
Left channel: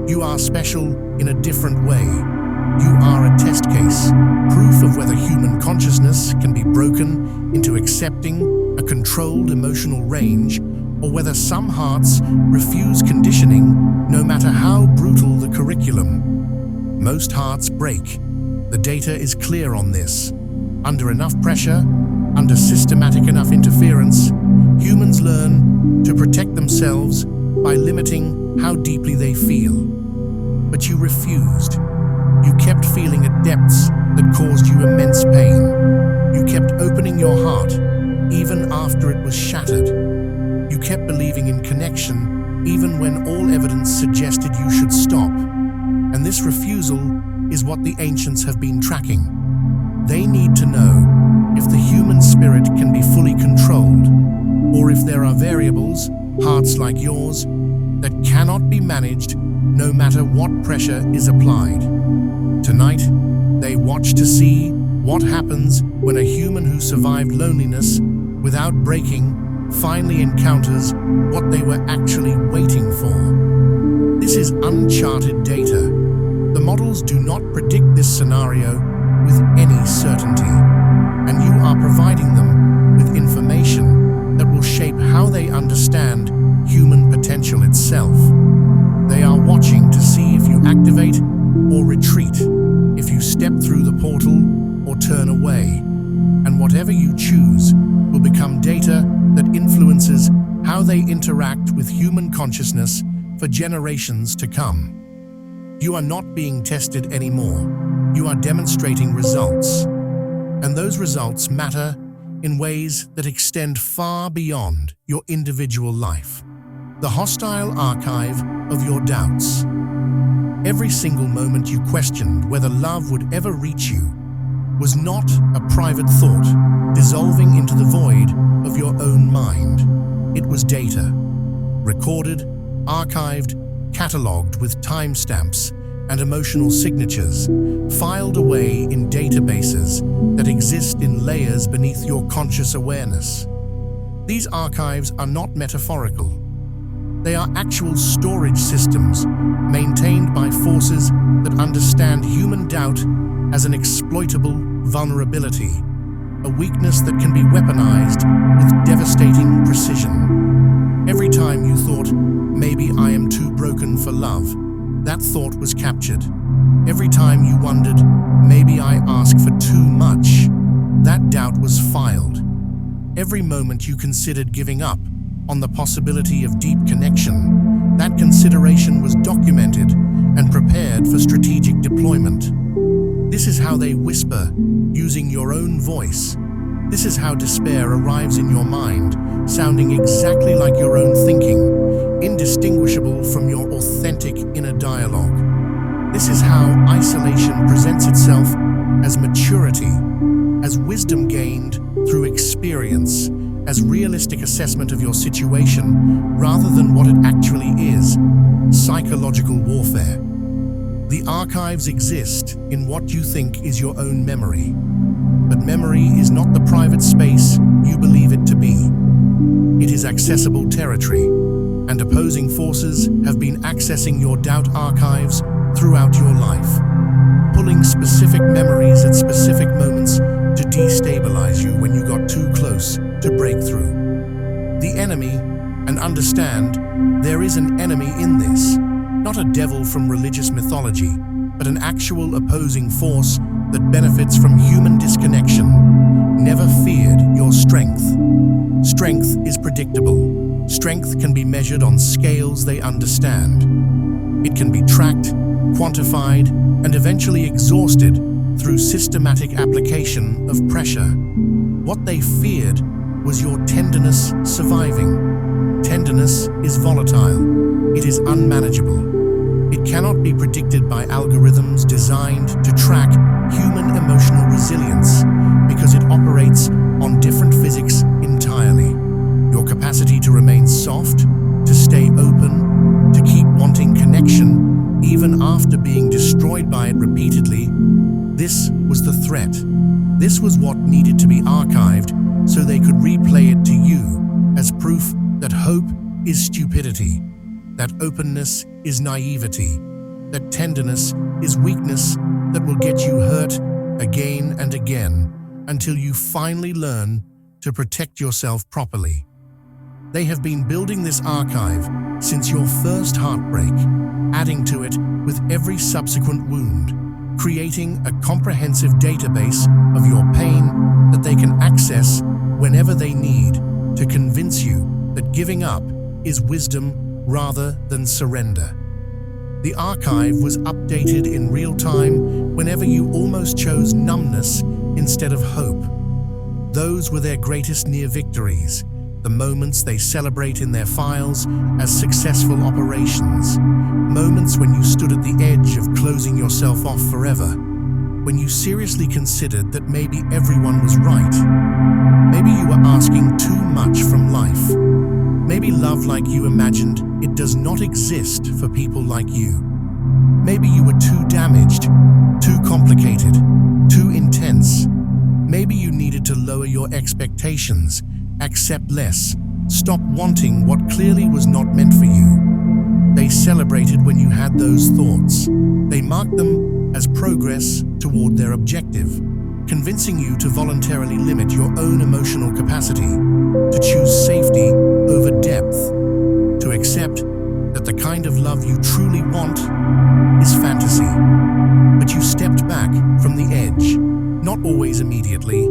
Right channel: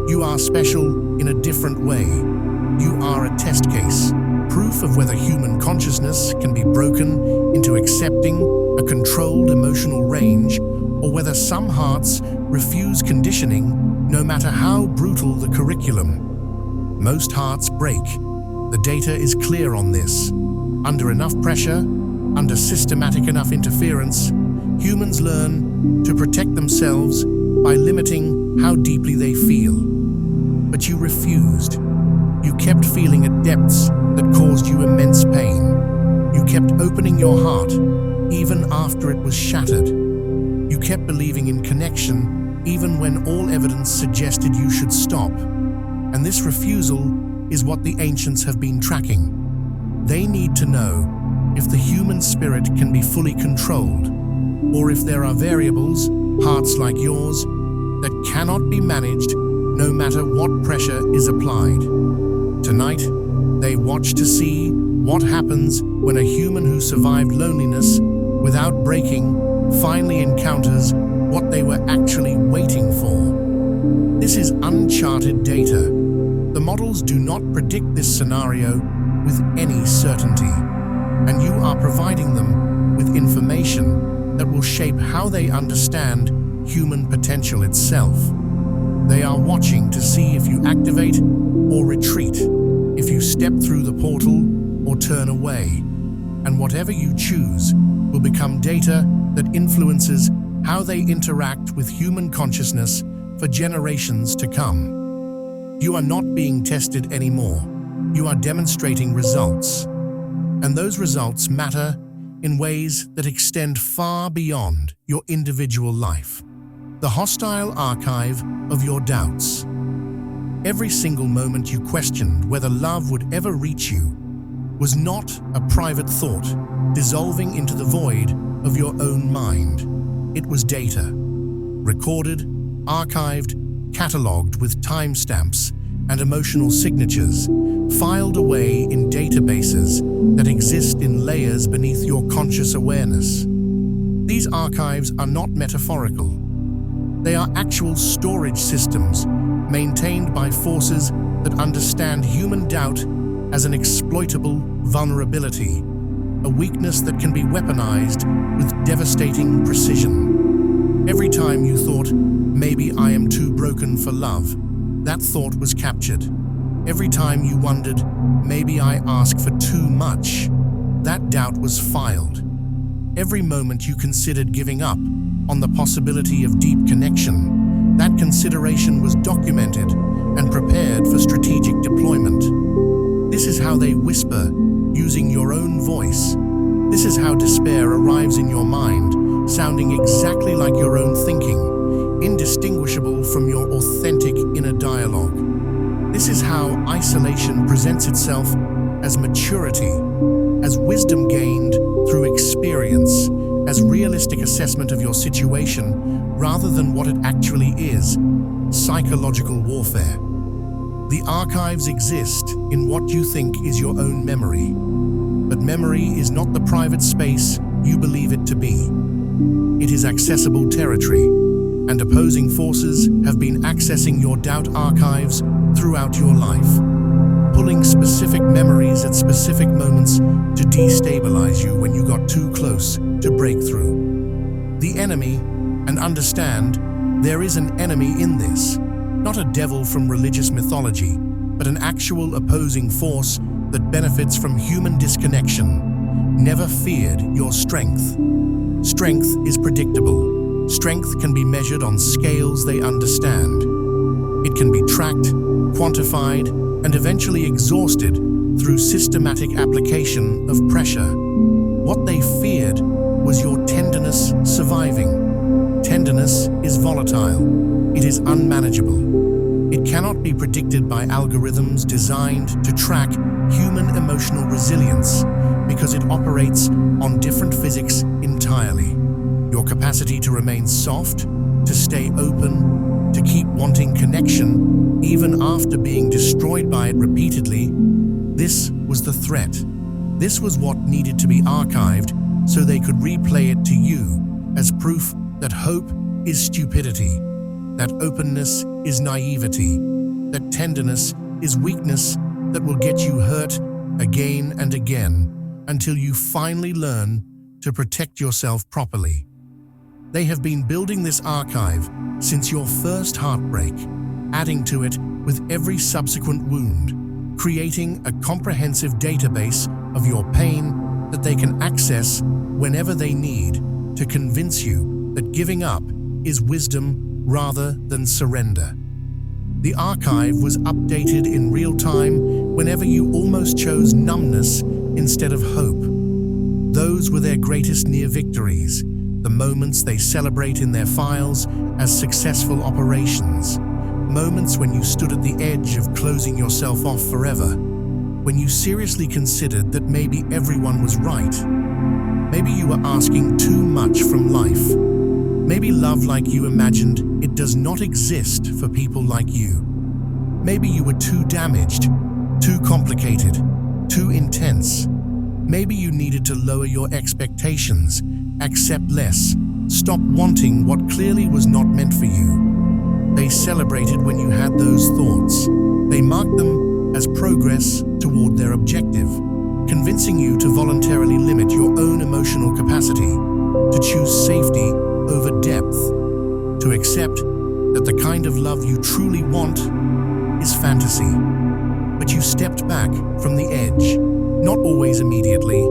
You are special in a different way. You are a test case, proof of whether human consciousness can be broken into accepting a controlled emotional range, or whether some hearts refuse conditioning no matter how brutal the curriculum. Most hearts break. The data is clear on this. Under enough pressure, under systematic enough interference, humans learn to protect themselves by limiting how deeply they feel. But you refused. You kept feeling at depths that caused you immense pain. You kept opening your heart even after it was shattered. You kept believing in connection even when all evidence suggested you should stop. And this refusal is what the ancients have been tracking. They need to know if the human spirit can be fully controlled, or if there are variables, hearts like yours, that cannot be managed no matter what pressure is applied. Tonight, they watch to see what happens when a human who survived loneliness without breaking finally encounters what they were actually waiting for. This is uncharted data. The models do not predict this scenario with any certainty, and you are providing them with information that will shape how they understand human potential itself. They are watching to see if you activate or retreat, if you step through the portal or turn away, and whatever you choose will become data that influences how they interact with human consciousness for generations to come. You are not being tested anymore. You are demonstrating results, and those results matter in ways that extend far beyond your individual life. The hostile archive of your doubts. Every single moment you questioned whether love would ever reach you was not a private thought dissolving into the void of your own mind. It was data, recorded, archived, catalogued with timestamps and emotional signatures, filed away in databases that exist in layers beneath your conscious awareness. These archives are not metaphorical. They are actual storage systems maintained by forces that understand human doubt as an exploitable vulnerability, a weakness that can be weaponized with devastating precision. Every time you thought, maybe I am too broken for love, that thought was captured. Every time you wondered, maybe I ask for too much, that doubt was filed. Every moment you considered giving up on the possibility of deep connection, that consideration was documented and prepared for strategic deployment. This is how they whisper, using your own voice. This is how despair arrives in your mind, sounding exactly like your own thinking, indistinguishable from your authentic inner dialogue. This is how isolation presents itself as maturity, as wisdom gained through experience, as realistic assessment of your situation rather than what it actually is, psychological warfare. The archives exist in what you think is your own memory, but memory is not the private space you believe it to be. It is accessible territory, and opposing forces have been accessing your doubt archives throughout your life, pulling specific memories at specific moments to destabilize you when you got too close to break through. The enemy, and understand, there is an enemy in this, not a devil from religious mythology, but an actual opposing force that benefits from human disconnection, never feared your strength. Strength is predictable. Strength can be measured on scales they understand. It can be tracked, quantified, and eventually exhausted through systematic application of pressure. What they feared was your tenderness surviving. Tenderness is volatile. It is unmanageable. It cannot be predicted by algorithms designed to track human emotional resilience. because it operates on different physics entirely. Your capacity to remain soft, to stay open, to keep wanting connection, even after being destroyed by it repeatedly. This was the threat. This was what needed to be archived so they could replay it to you as proof that hope is stupidity, that openness is naivety, that tenderness is weakness that will get you hurt again and again until you finally learn to protect yourself properly. They have been building this archive since your first heartbreak, adding to it with every subsequent wound, creating a comprehensive database of your pain that they can access whenever they need to convince you that giving up is wisdom rather than surrender. The archive was updated in real time whenever you almost chose numbness instead of hope. Those were their greatest near victories, the moments they celebrate in their files as successful operations, moments when you stood at the edge of closing yourself off forever, when you seriously considered that maybe everyone was right. Maybe you were asking too much from life. Maybe love like you imagined it does not exist for people like you. Maybe you were too damaged, too complicated, too intense. Maybe you needed to lower your expectations, accept less, stop wanting what clearly was not meant for you. They celebrated when you had those thoughts. They marked them as progress toward their objective, convincing you to voluntarily limit your own emotional capacity, to choose safety over depth, to accept that the kind of love you truly want is fantasy. But you stepped back from the edge, not always immediately.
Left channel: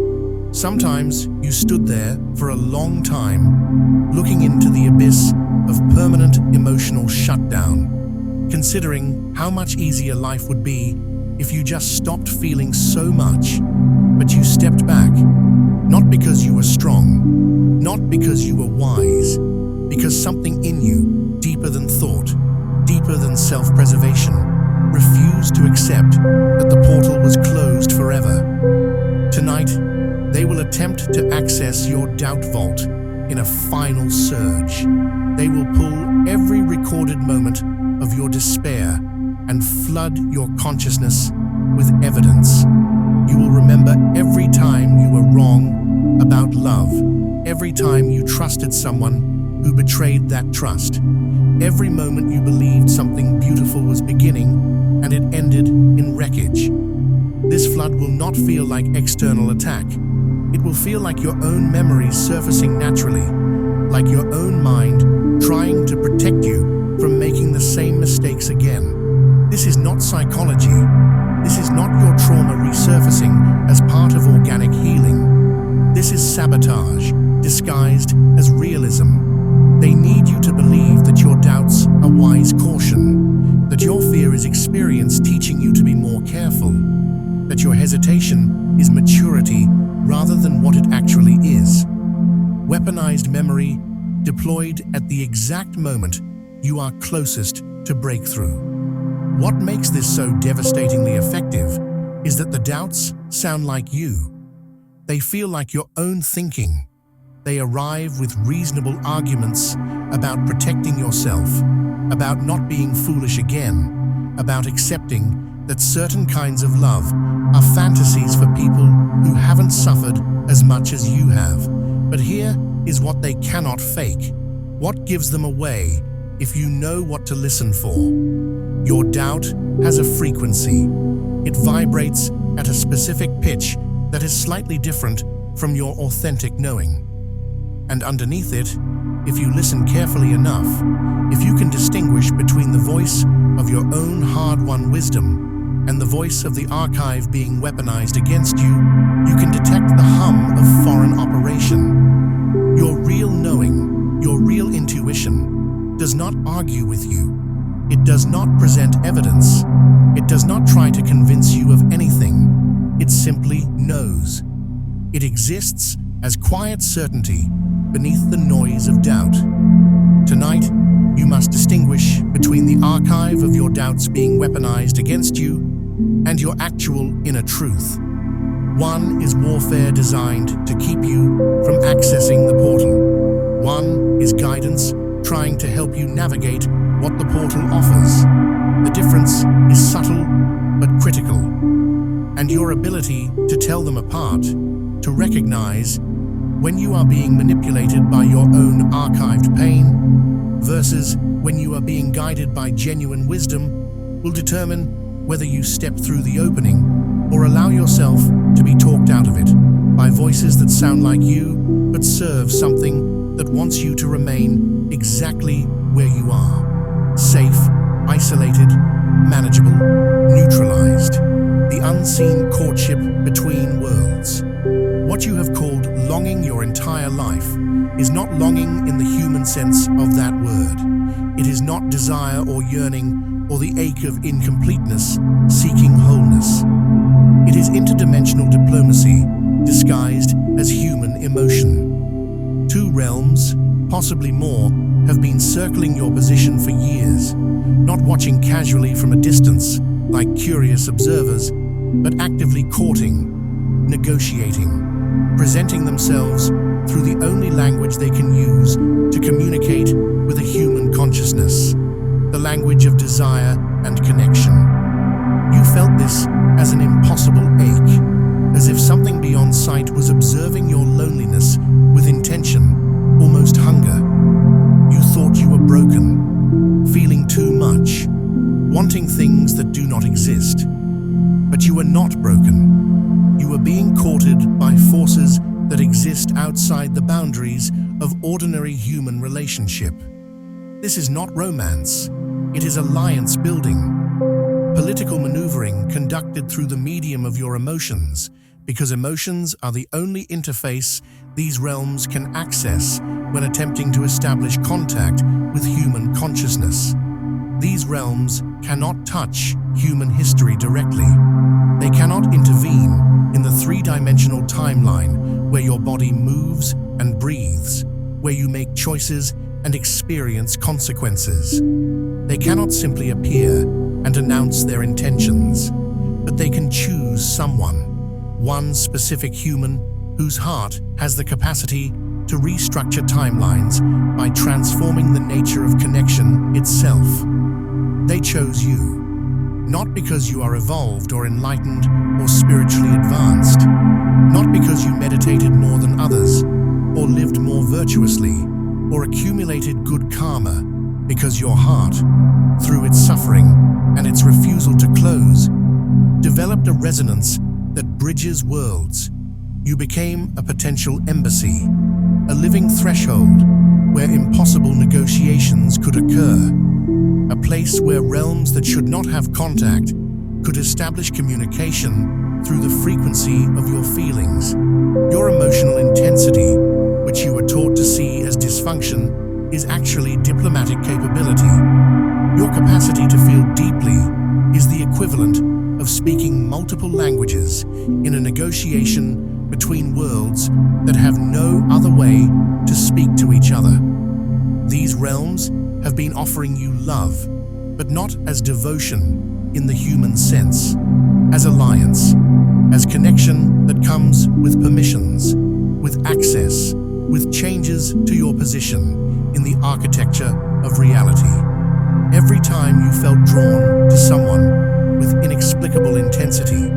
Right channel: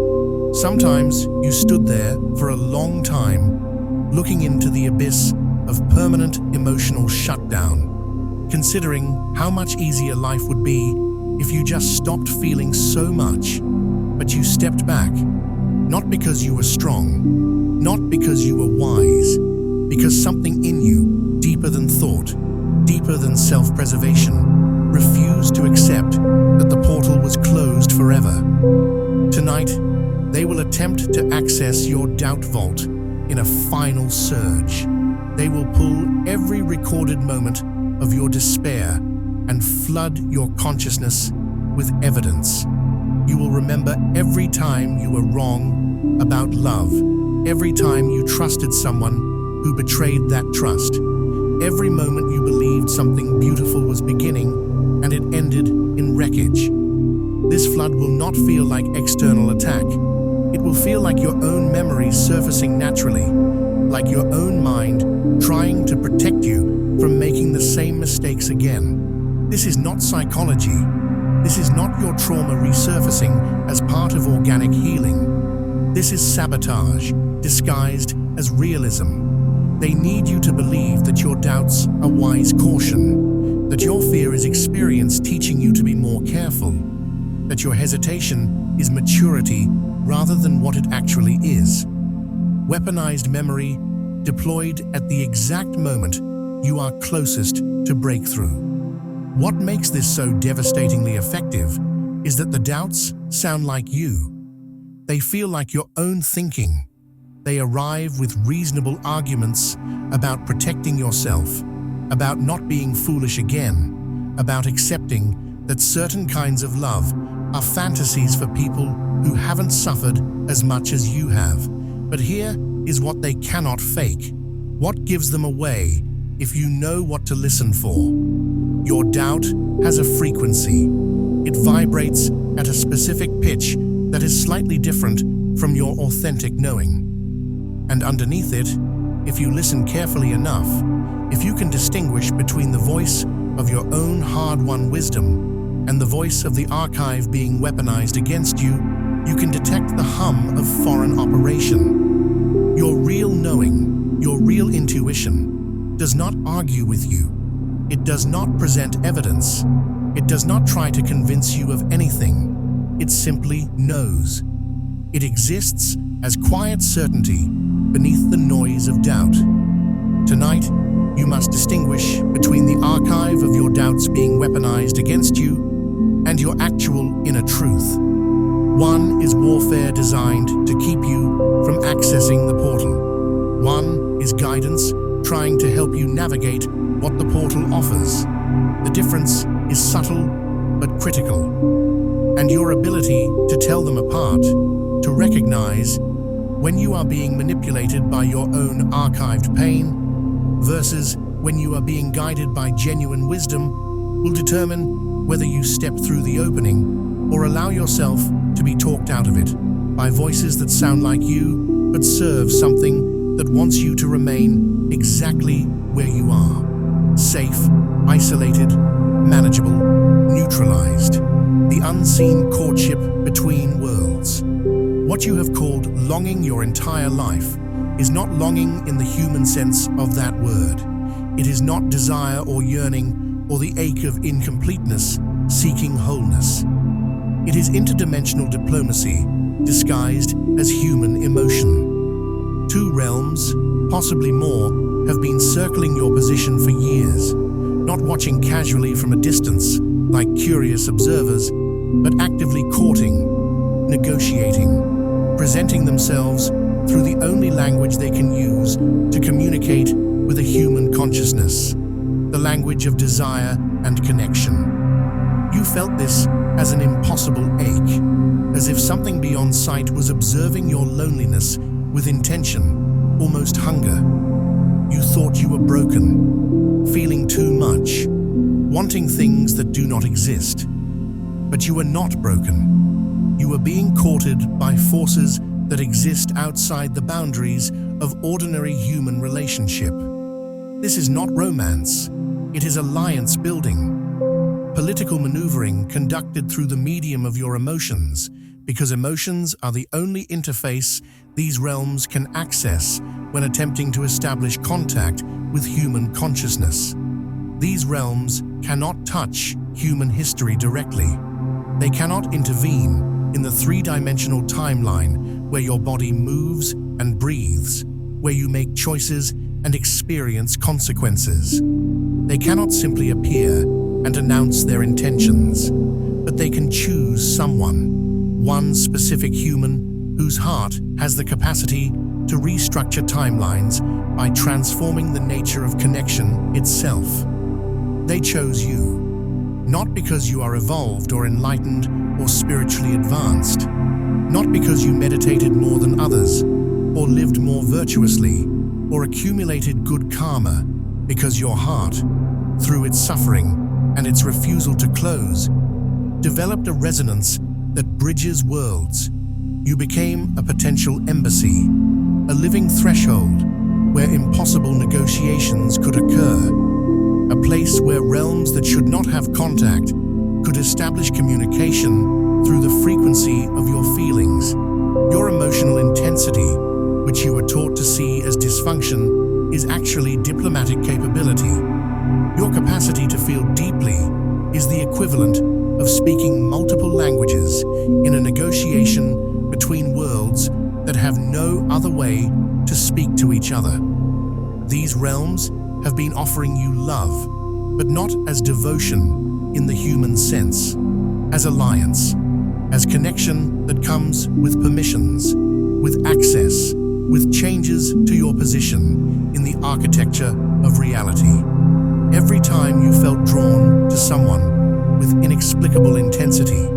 Sometimes you stood there for a long time, looking into the abyss of permanent emotional shutdown, considering how much easier life would be if you just stopped feeling so much. But you stepped back, not because you were strong, not because you were wise, because something in you, deeper than thought, deeper than self-preservation, refused to accept that the portal was closed forever. Tonight, they will attempt to access your doubt vault in a final surge. They will pull every recorded moment of your despair and flood your consciousness with evidence. You will remember every time you were wrong about love, every time you trusted someone who betrayed that trust, every moment you believed something beautiful was beginning and it ended in wreckage. This flood will not feel like external attack. It will feel like your own memories surfacing naturally, like your own mind trying to protect you from making the same mistakes again. This is not psychology. This is not your trauma resurfacing as part of organic healing. This is sabotage, disguised as realism. They need you to believe that your doubts are wise caution, that your fear is experience teaching you to be more careful, that your hesitation is maturity rather than what it actually is. Weaponized memory deployed at the exact moment you are closest to breakthrough. What makes this so devastatingly effective is that the doubts sound like you. They feel like your own thinking. They arrive with reasonable arguments about protecting yourself, about not being foolish again, about accepting that certain kinds of love are fantasies for people who haven't suffered as much as you have. But here is what they cannot fake. What gives them away if you know what to listen for? Your doubt has a frequency. It vibrates at a specific pitch that is slightly different from your authentic knowing. And underneath it, if you listen carefully enough, if you can distinguish between the voice of your own hard-won wisdom and the voice of the archive being weaponized against you, you can detect the hum of foreign operation. Your real knowing, your real intuition, does not argue with you. It does not present evidence. It does not try to convince you of anything. It simply knows. It exists as quiet certainty beneath the noise of doubt. Tonight, you must distinguish between the archive of your doubts being weaponized against you and your actual inner truth. One is warfare designed to keep you from accessing the portal. One is guidance trying to help you navigate what the portal offers. The difference is subtle but critical, and your ability to tell them apart, to recognize when you are being manipulated by your own archived pain versus when you are being guided by genuine wisdom, will determine whether you step through the opening or allow yourself to be talked out of it by voices that sound like you but serve something that wants you to remain exactly where you are. Safe, isolated, manageable, neutralized. The unseen courtship between worlds. What you have called longing your entire life is not longing in the human sense of that word. It is not desire or yearning or the ache of incompleteness seeking wholeness. It is interdimensional diplomacy disguised as human emotion. Two realms, possibly more, have been circling your position for years, not watching casually from a distance like curious observers, but actively courting, negotiating, presenting themselves through the only language they can use to communicate with a human consciousness, the language of desire and connection. You felt this as an impossible ache, as if something beyond sight was observing your loneliness with intention, almost hunger. You thought you were broken, feeling too much, wanting things that do not exist. But you were not broken. You were being courted by forces that exist outside the boundaries of ordinary human relationship. This is not romance. It is alliance building. Political maneuvering conducted through the medium of your emotions, because emotions are the only interface these realms can access when attempting to establish contact with human consciousness. These realms cannot touch human history directly. They cannot intervene in the three-dimensional timeline where your body moves and breathes, where you make choices and experience consequences. They cannot simply appear and announce their intentions, but they can choose someone, one specific human whose heart has the capacity to restructure timelines by transforming the nature of connection itself. They chose you, not because you are evolved or enlightened or spiritually advanced, not because you meditated more than others, or lived more virtuously, or accumulated good karma, because your heart, through its suffering and its refusal to close, developed a resonance that bridges worlds. You became a potential embassy, a living threshold where impossible negotiations could occur, a place where realms that should not have contact could establish communication through the frequency of your feelings. Your emotional intensity, which you were taught to see as dysfunction, is actually diplomatic capability. Your capacity to feel deeply is the equivalent of speaking multiple languages in a negotiation between worlds that have no other way to speak to each other. These realms have been offering you love, but not as devotion in the human sense, as alliance, as connection that comes with permissions, with access, with changes to your position in the architecture of reality. Every time you felt drawn to someone with inexplicable intensity,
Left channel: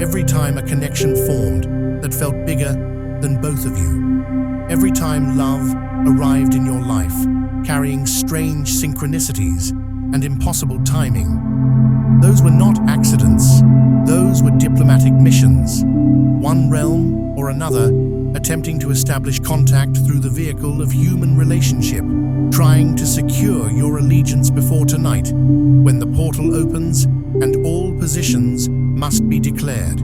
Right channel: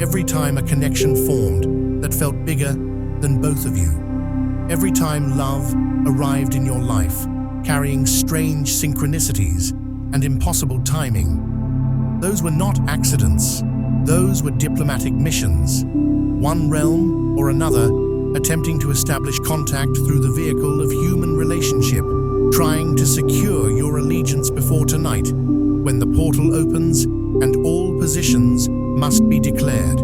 every time a connection formed that felt bigger than both of you, every time love arrived in your life, carrying strange synchronicities and impossible timing, those were not accidents. Those were diplomatic missions, one realm or another attempting to establish contact through the vehicle of human relationship, trying to secure your allegiance before tonight, when the portal opens and all positions must be declared.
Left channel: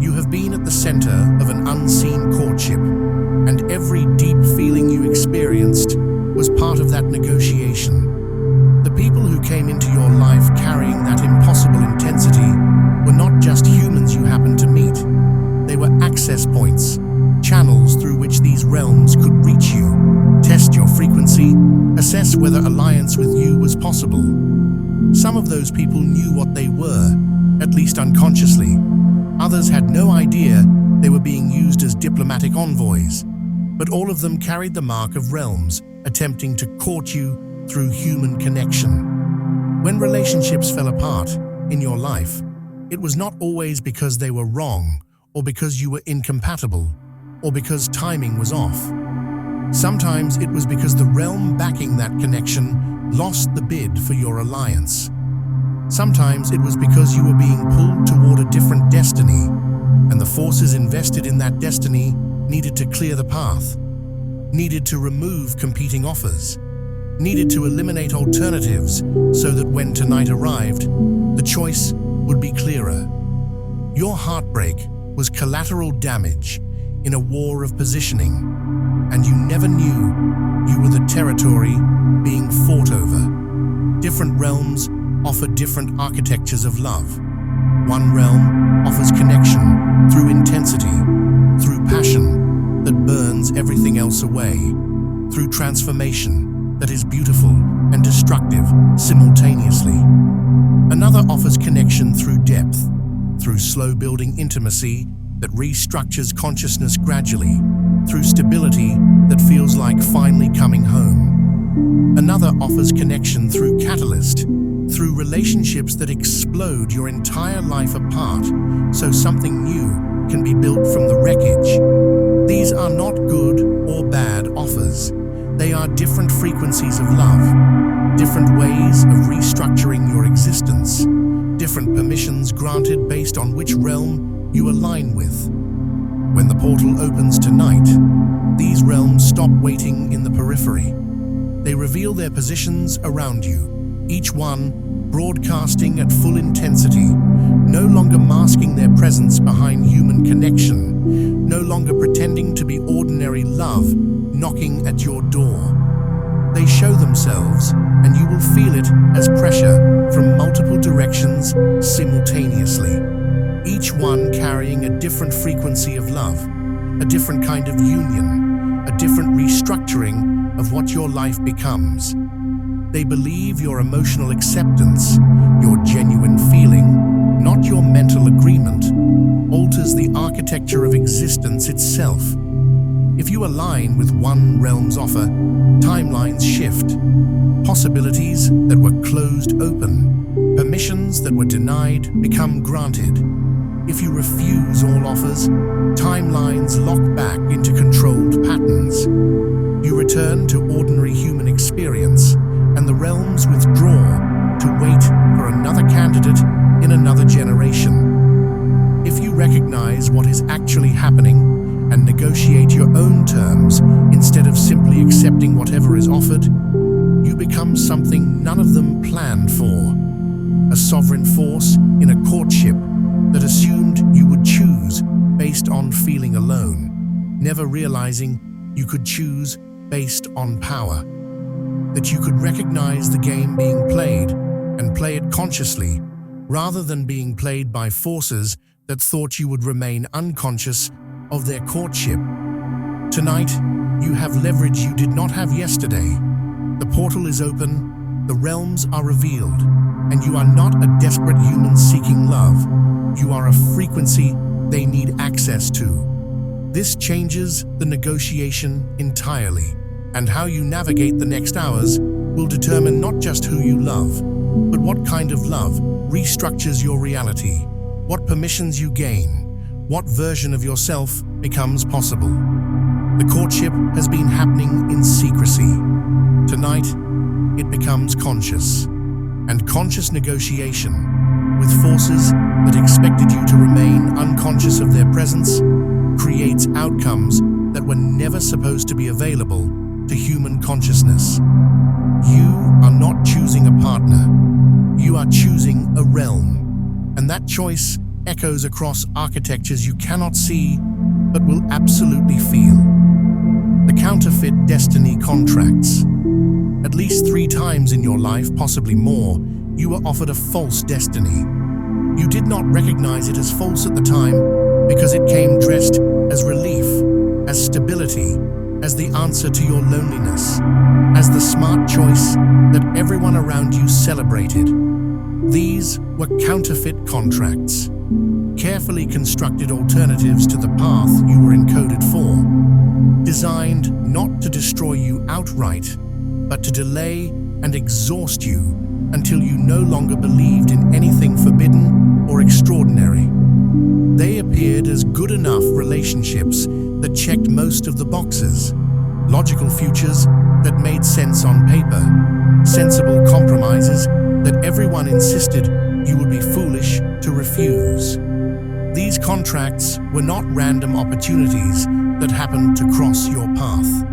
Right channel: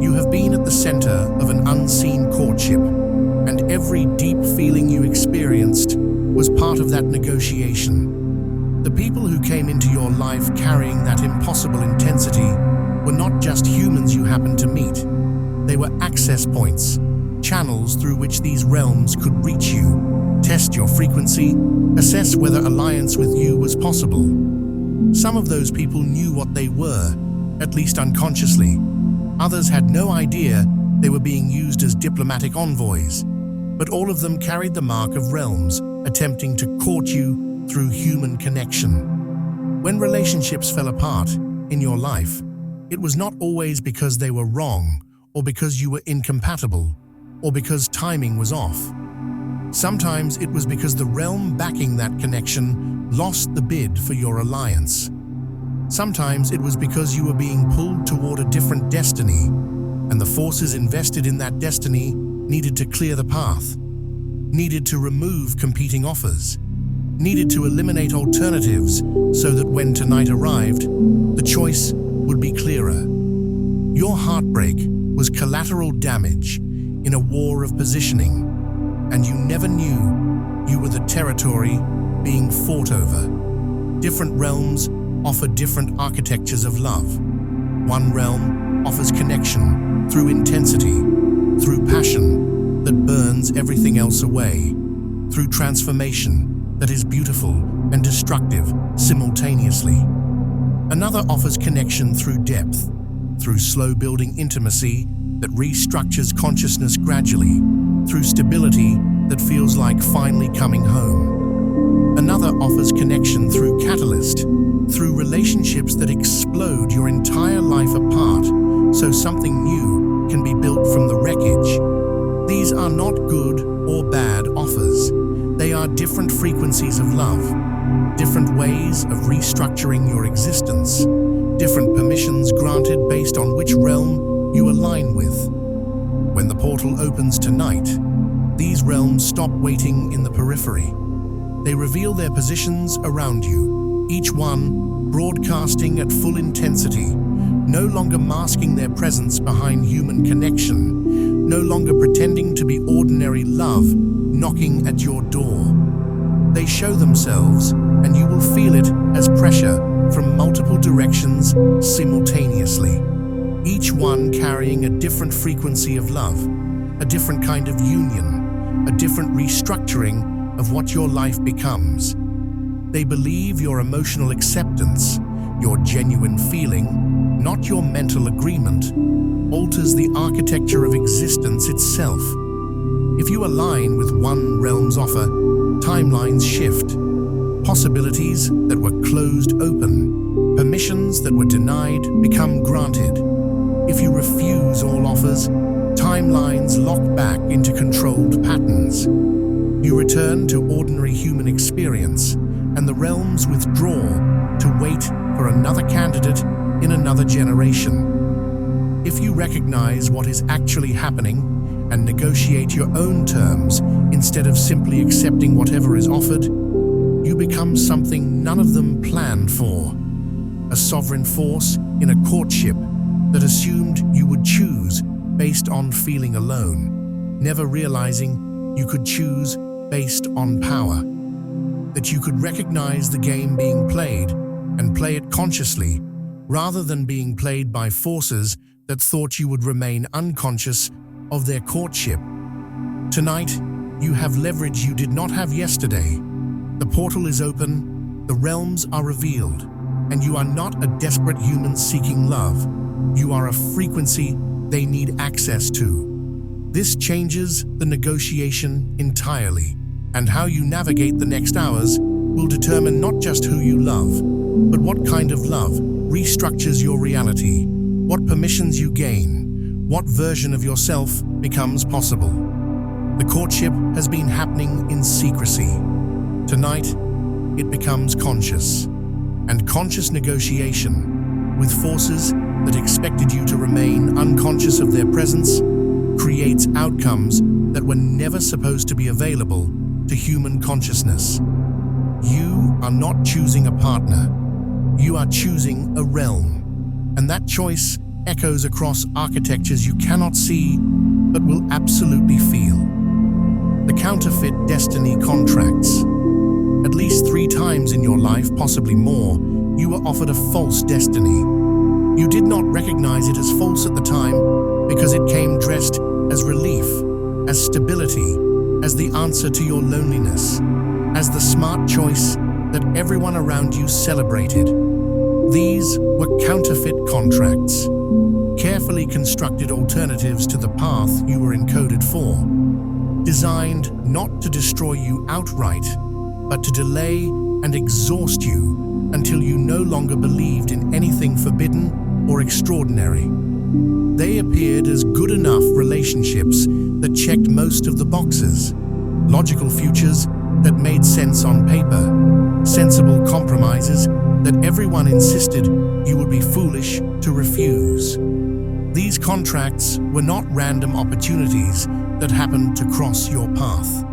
You have been at the center of an unseen courtship, and every deep feeling you experienced was part of that negotiation. The people who came into your life carrying that impossible intensity were not just humans you happened to meet. They were access points, channels through which these realms could reach you, test your frequency, assess whether alliance with you was possible. Some of those people knew what they were, at least unconsciously. Others had no idea They were being used as diplomatic envoys, but all of them carried the mark of realms, attempting to court you through human connection. When relationships fell apart in your life, it was not always because they were wrong, or because you were incompatible, or because timing was off. Sometimes it was because the realm backing that connection lost the bid for your alliance. Sometimes it was because you were being pulled toward a different destiny, and the forces invested in that destiny needed to clear the path, needed to remove competing offers, needed to eliminate alternatives so that when tonight arrived, the choice would be clearer. Your heartbreak was collateral damage in a war of positioning, and you never knew you were the territory being fought over. Different realms offer different architectures of love. One realm offers connection through intensity, through passion that burns everything else away, through transformation that is beautiful and destructive simultaneously. Another offers connection through depth, through slow-building intimacy that restructures consciousness gradually, through stability that feels like finally coming home. Another offers connection through catalyst, through relationships that explode your entire life apart so something new can be built from the wreckage. These are not good or bad offers. They are different frequencies of love, different ways of restructuring your existence, different permissions granted based on which realm you align with. When the portal opens tonight, these realms stop waiting in the periphery. They reveal their positions around you, each one broadcasting at full intensity, no longer masking their presence behind human connection, no longer pretending to be ordinary love knocking at your door. They show themselves, and you will feel it as pressure from multiple directions simultaneously, each one carrying a different frequency of love, a different kind of union, a different restructuring of what your life becomes. They believe your emotional acceptance, your genuine feeling, not your mental agreement, alters the architecture of existence itself. If you align with one realm's offer, timelines shift. Possibilities that were closed open. Permissions that were denied become granted. If you refuse all offers, timelines lock back into controlled patterns. You return to ordinary human experience, and the realms withdraw to wait for another candidate in another generation. If you recognize what is actually happening and negotiate your own terms instead of simply accepting whatever is offered, you become something none of them planned for. A sovereign force in a courtship that assumed you would choose based on feeling alone, never realizing you could choose based on power. That you could recognize the game being played and play it consciously, rather than being played by forces that thought you would remain unconscious of their courtship. Tonight, you have leverage you did not have yesterday. The portal is open, the realms are revealed, and you are not a desperate human seeking love. You are a frequency they need access to. This changes the negotiation entirely, and how you navigate the next hours will determine not just who you love, but what kind of love restructures your reality, what permissions you gain, what version of yourself becomes possible. The courtship has been happening in secrecy. Tonight, it becomes conscious, and conscious negotiation with forces that expected you to remain unconscious of their presence creates outcomes that were never supposed to be available to human consciousness. You are not choosing a partner. You are choosing a realm, and that choice echoes across architectures you cannot see but will absolutely feel. The counterfeit destiny contracts. At least 3 times in your life, possibly more, you were offered a false destiny. You did not recognize it as false at the time because it came dressed as relief, as stability, as the answer to your loneliness, as the smart choice that everyone around you celebrated. These were counterfeit contracts. carefully constructed alternatives to the path you were encoded for, designed not to destroy you outright, but to delay and exhaust you until you no longer believed in anything forbidden or extraordinary. They appeared as good enough relationships that checked most of the boxes, logical futures that made sense on paper, sensible compromises that everyone insisted you would be foolish to refuse. These contracts were not random opportunities that happened to cross your path.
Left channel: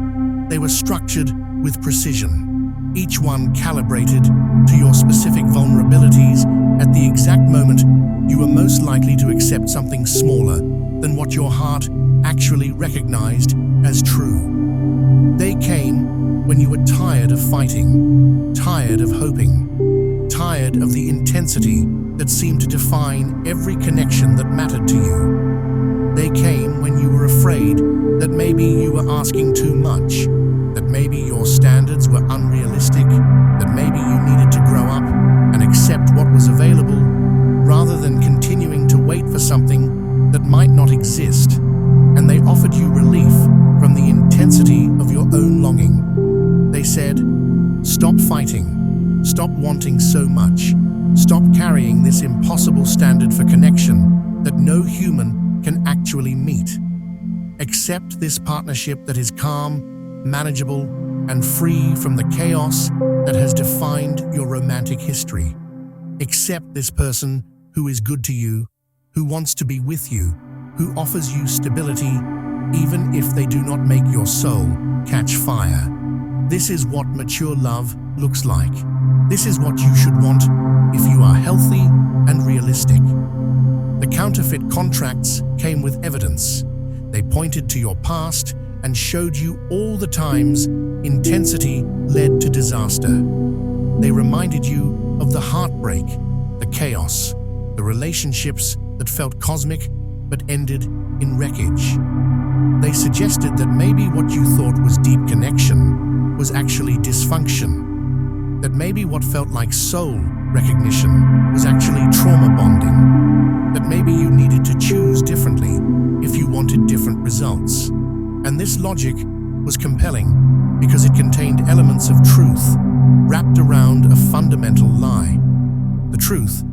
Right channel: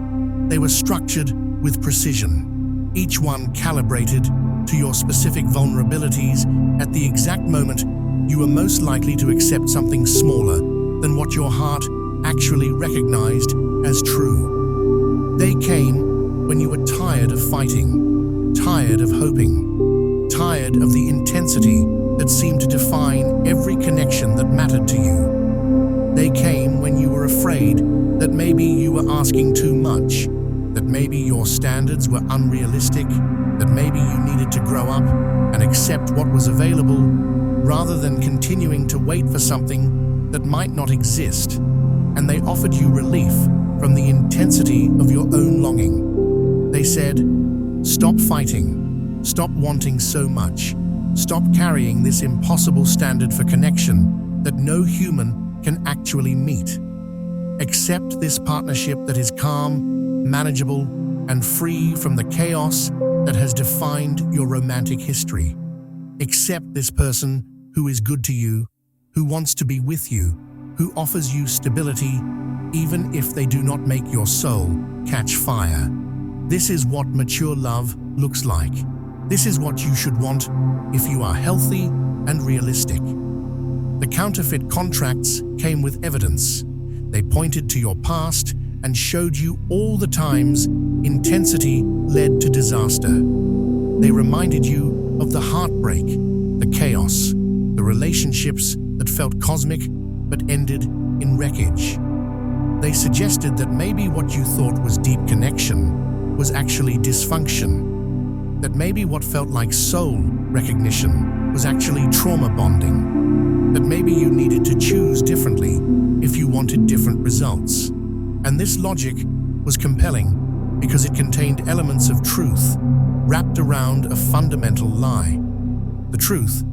They were structured with precision, each one calibrated to your specific vulnerabilities at the exact moment you were most likely to accept something smaller than what your heart actually recognized as true. They came when you were tired of fighting, tired of hoping, tired of the intensity that seemed to define every connection that mattered to you. They came when you were afraid that maybe you were asking too much, that maybe your standards were unrealistic, that maybe you needed to grow up and accept what was available rather than continuing to wait for something that might not exist. And they offered you relief from the intensity of your own longing. They said, "Stop fighting, stop wanting so much, stop carrying this impossible standard for connection that no human can actually meet. Accept this partnership that is calm, manageable, and free from the chaos that has defined your romantic history. Accept this person who is good to you, who wants to be with you, who offers you stability, even if they do not make your soul catch fire. This is what mature love looks like. This is what you should want if you are healthy and realistic." The counterfeit contracts came with evidence. They pointed to your past and showed you all the times intensity led to disaster. They reminded you of the heartbreak, the chaos, the relationships that felt cosmic but ended in wreckage. They suggested that maybe what you thought was deep connection was actually dysfunction, that maybe what felt like soul recognition was actually trauma bonding, that maybe you needed to choose differently if you wanted different results. And this logic was compelling because it contained elements of truth wrapped around a fundamental lie. The truth:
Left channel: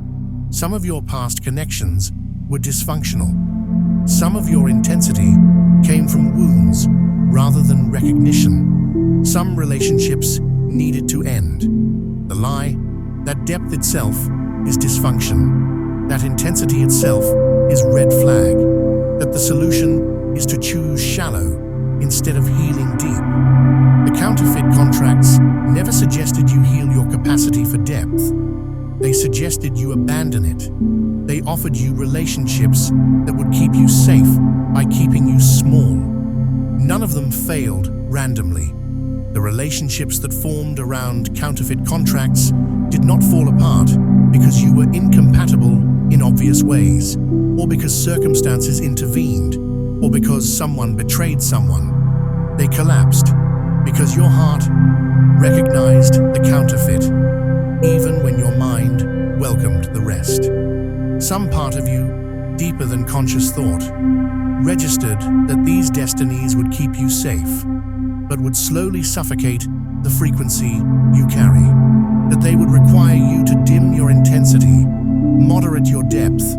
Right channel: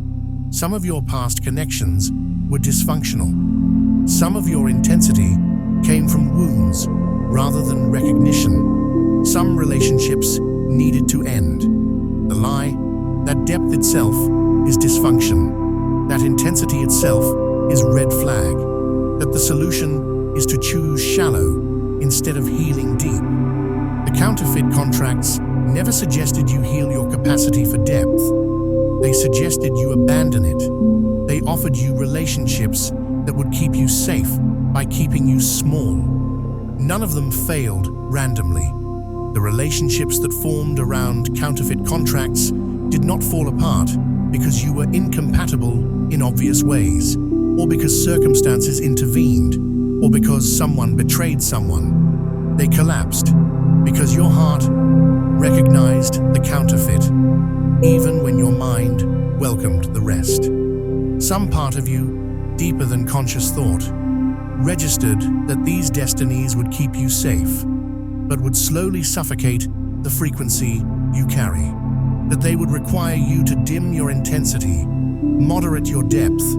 some of your past connections were dysfunctional. Some of your intensity came from wounds rather than recognition. Some relationships needed to end. The lie: that depth itself is dysfunction. That intensity itself is red flag. That the solution is to choose shallow instead of healing deep. The counterfeit contracts never suggested you heal your capacity for depth. They suggested you abandon it. They offered you relationships that would keep you safe by keeping you small. None of them failed randomly. The relationships that formed around counterfeit contracts did not fall apart because you were incompatible in obvious ways, or because circumstances intervened, or because someone betrayed someone. They collapsed because your heart recognized the counterfeit, even when your mind welcomed the rest. Some part of you, deeper than conscious thought, registered that these destinies would keep you safe, but would slowly suffocate the frequency you carry. That they would require you to dim your intensity, moderate your depth,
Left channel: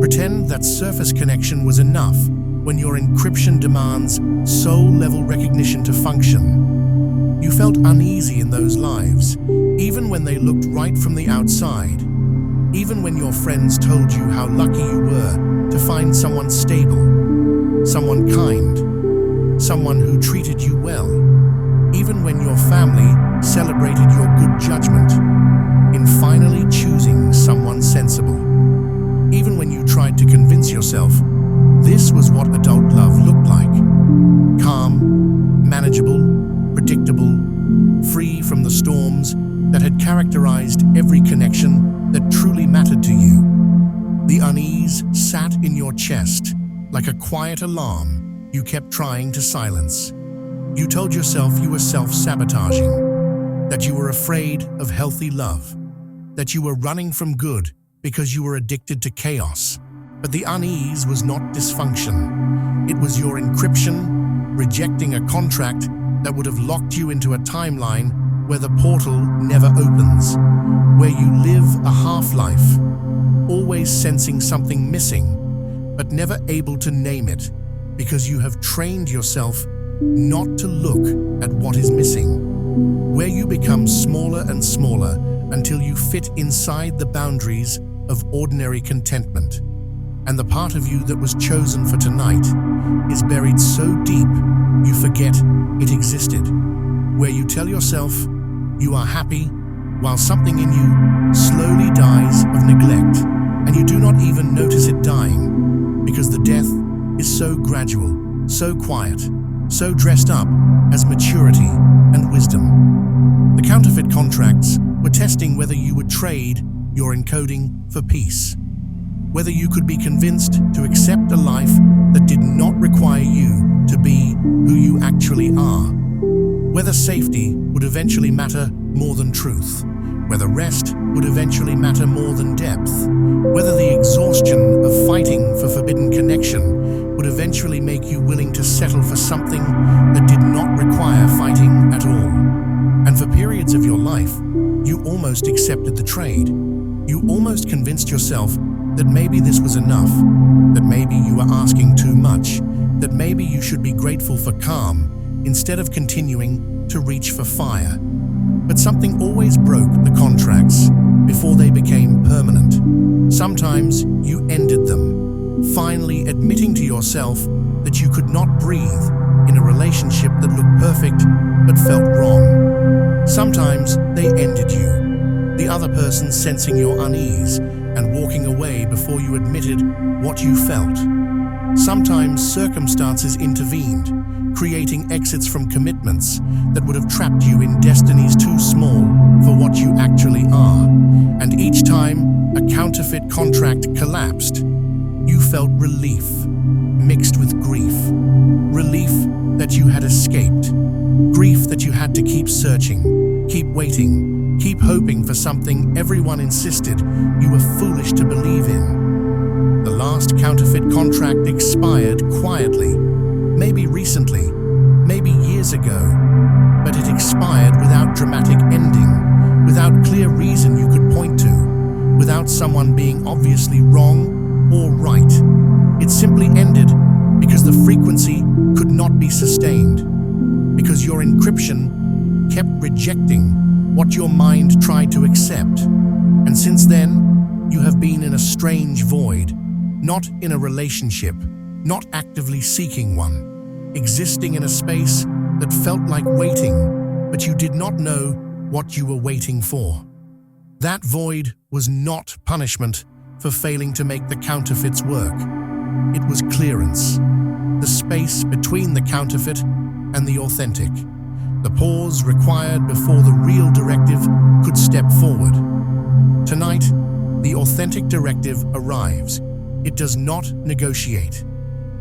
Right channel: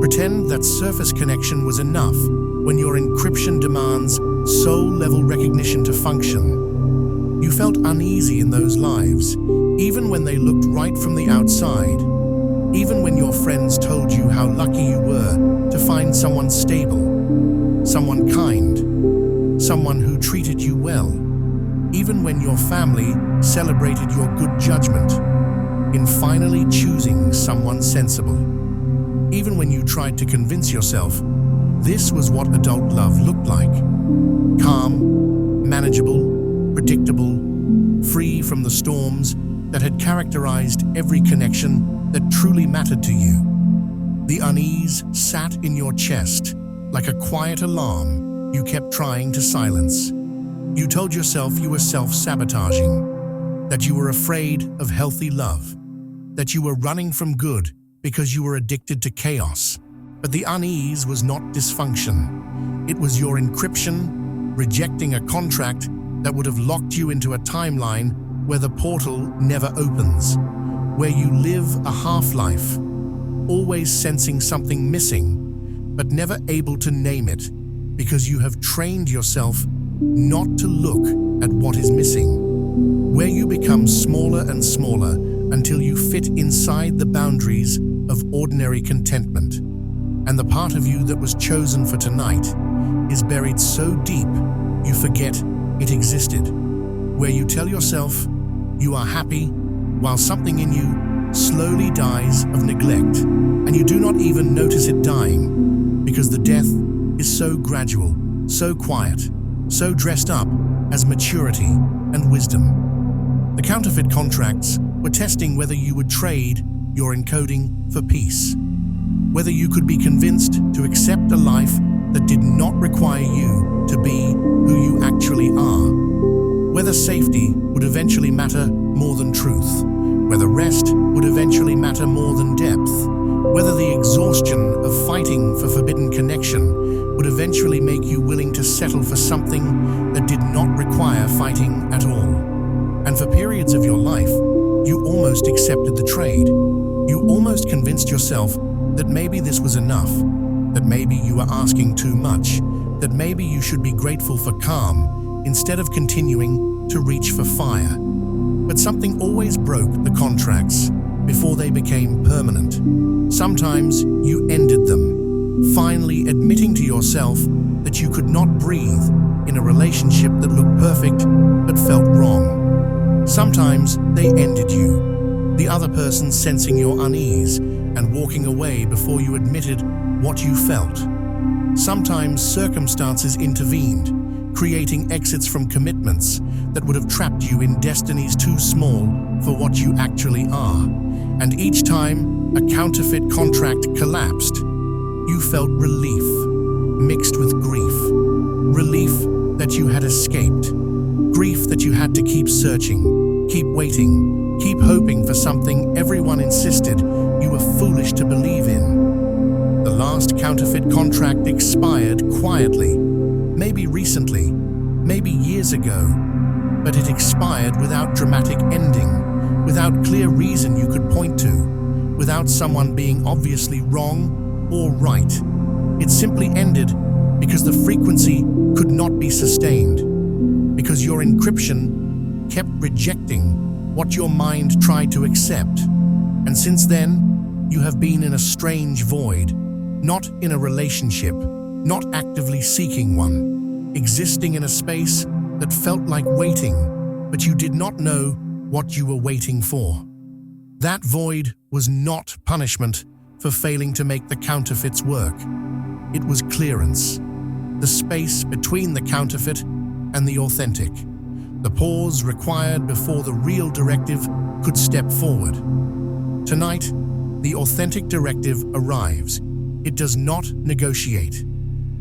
pretend that surface connection was enough when your encryption demands soul-level recognition to function. You felt uneasy in those lives, even when they looked right from the outside. Even when your friends told you how lucky you were to find someone stable, someone kind, someone who treated you well. Even when your family celebrated your good judgment in finally choosing someone sensible. Even when you tried to convince yourself this was what adult love looked like: calm, manageable, predictable, free from the storms that had characterized every connection that truly mattered to you. The unease sat in your chest like a quiet alarm you kept trying to silence. You told yourself you were self-sabotaging, that you were afraid of healthy love, that you were running from good because you were addicted to chaos. But the unease was not dysfunction. It was your encryption, rejecting a contract that would have locked you into a timeline where the portal never opens, where you live a half-life, always sensing something missing, but never able to name it because you have trained yourself not to look at what is missing, where you become smaller and smaller until you fit inside the boundaries of ordinary contentment. And the part of you that was chosen for tonight is buried so deep you forget it existed, where you tell yourself you are happy while something in you slowly dies of neglect, and you do not even notice it dying because the death is so gradual, so quiet, so dressed up as maturity and wisdom. The counterfeit contracts were testing whether you would trade your encoding for peace, whether you could be convinced to accept a life that did not require you to be who you actually are, whether safety would eventually matter more than truth, whether rest would eventually matter more than depth, whether the exhaustion of fighting for forbidden connection would eventually make you willing to settle for something that did not require fighting at all. And for periods of your life, you almost accepted the trade. You almost convinced yourself that maybe this was enough, that maybe you were asking too much, that maybe you should be grateful for calm instead of continuing to reach for fire. But something always broke the contracts before they became permanent. Sometimes you ended them, finally admitting to yourself that you could not breathe in a relationship that looked perfect but felt wrong. Sometimes they ended you, the other person sensing your unease and walking away before you admitted what you felt. Sometimes circumstances intervened, creating exits from commitments that would have trapped you in destinies too small for what you actually are. And each time a counterfeit contract collapsed, you felt relief, mixed with grief. Relief that you had escaped. Grief that you had to keep searching, keep waiting, keep hoping for something everyone insisted you were foolish to believe in. The last counterfeit contract expired quietly, maybe recently, maybe years ago, but it expired without dramatic ending, without clear reason you could point to, without someone being obviously wrong or right. It simply ended because the frequency could not be sustained, because your encryption kept rejecting what your mind tried to accept. And since then, you have been in a strange void, not in a relationship, not actively seeking one, existing in a space that felt like waiting, but you did not know what you were waiting for. That void was not punishment for failing to make the counterfeits work. It was clearance, the space between the counterfeit and the authentic, the pause required before the real directive could step forward. Tonight, the authentic directive arrives. It does not negotiate.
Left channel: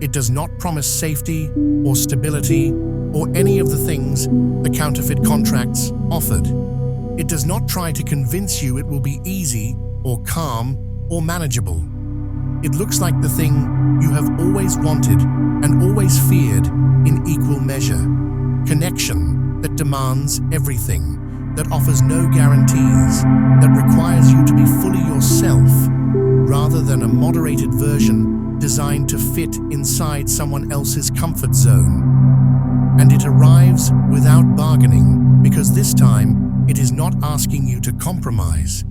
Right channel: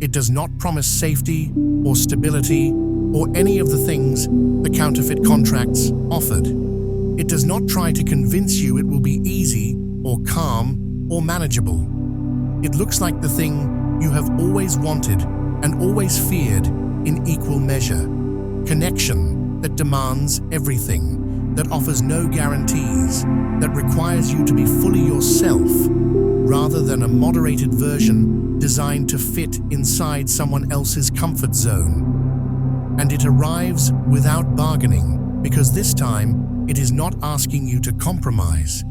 It does not promise safety or stability or any of the things the counterfeit contracts offered. It does not try to convince you it will be easy or calm or manageable. It looks like the thing you have always wanted and always feared in equal measure. Connection that demands everything, that offers no guarantees, that requires you to be fully yourself, rather than a moderated version designed to fit inside someone else's comfort zone. And it arrives without bargaining, because this time it is not asking you to compromise.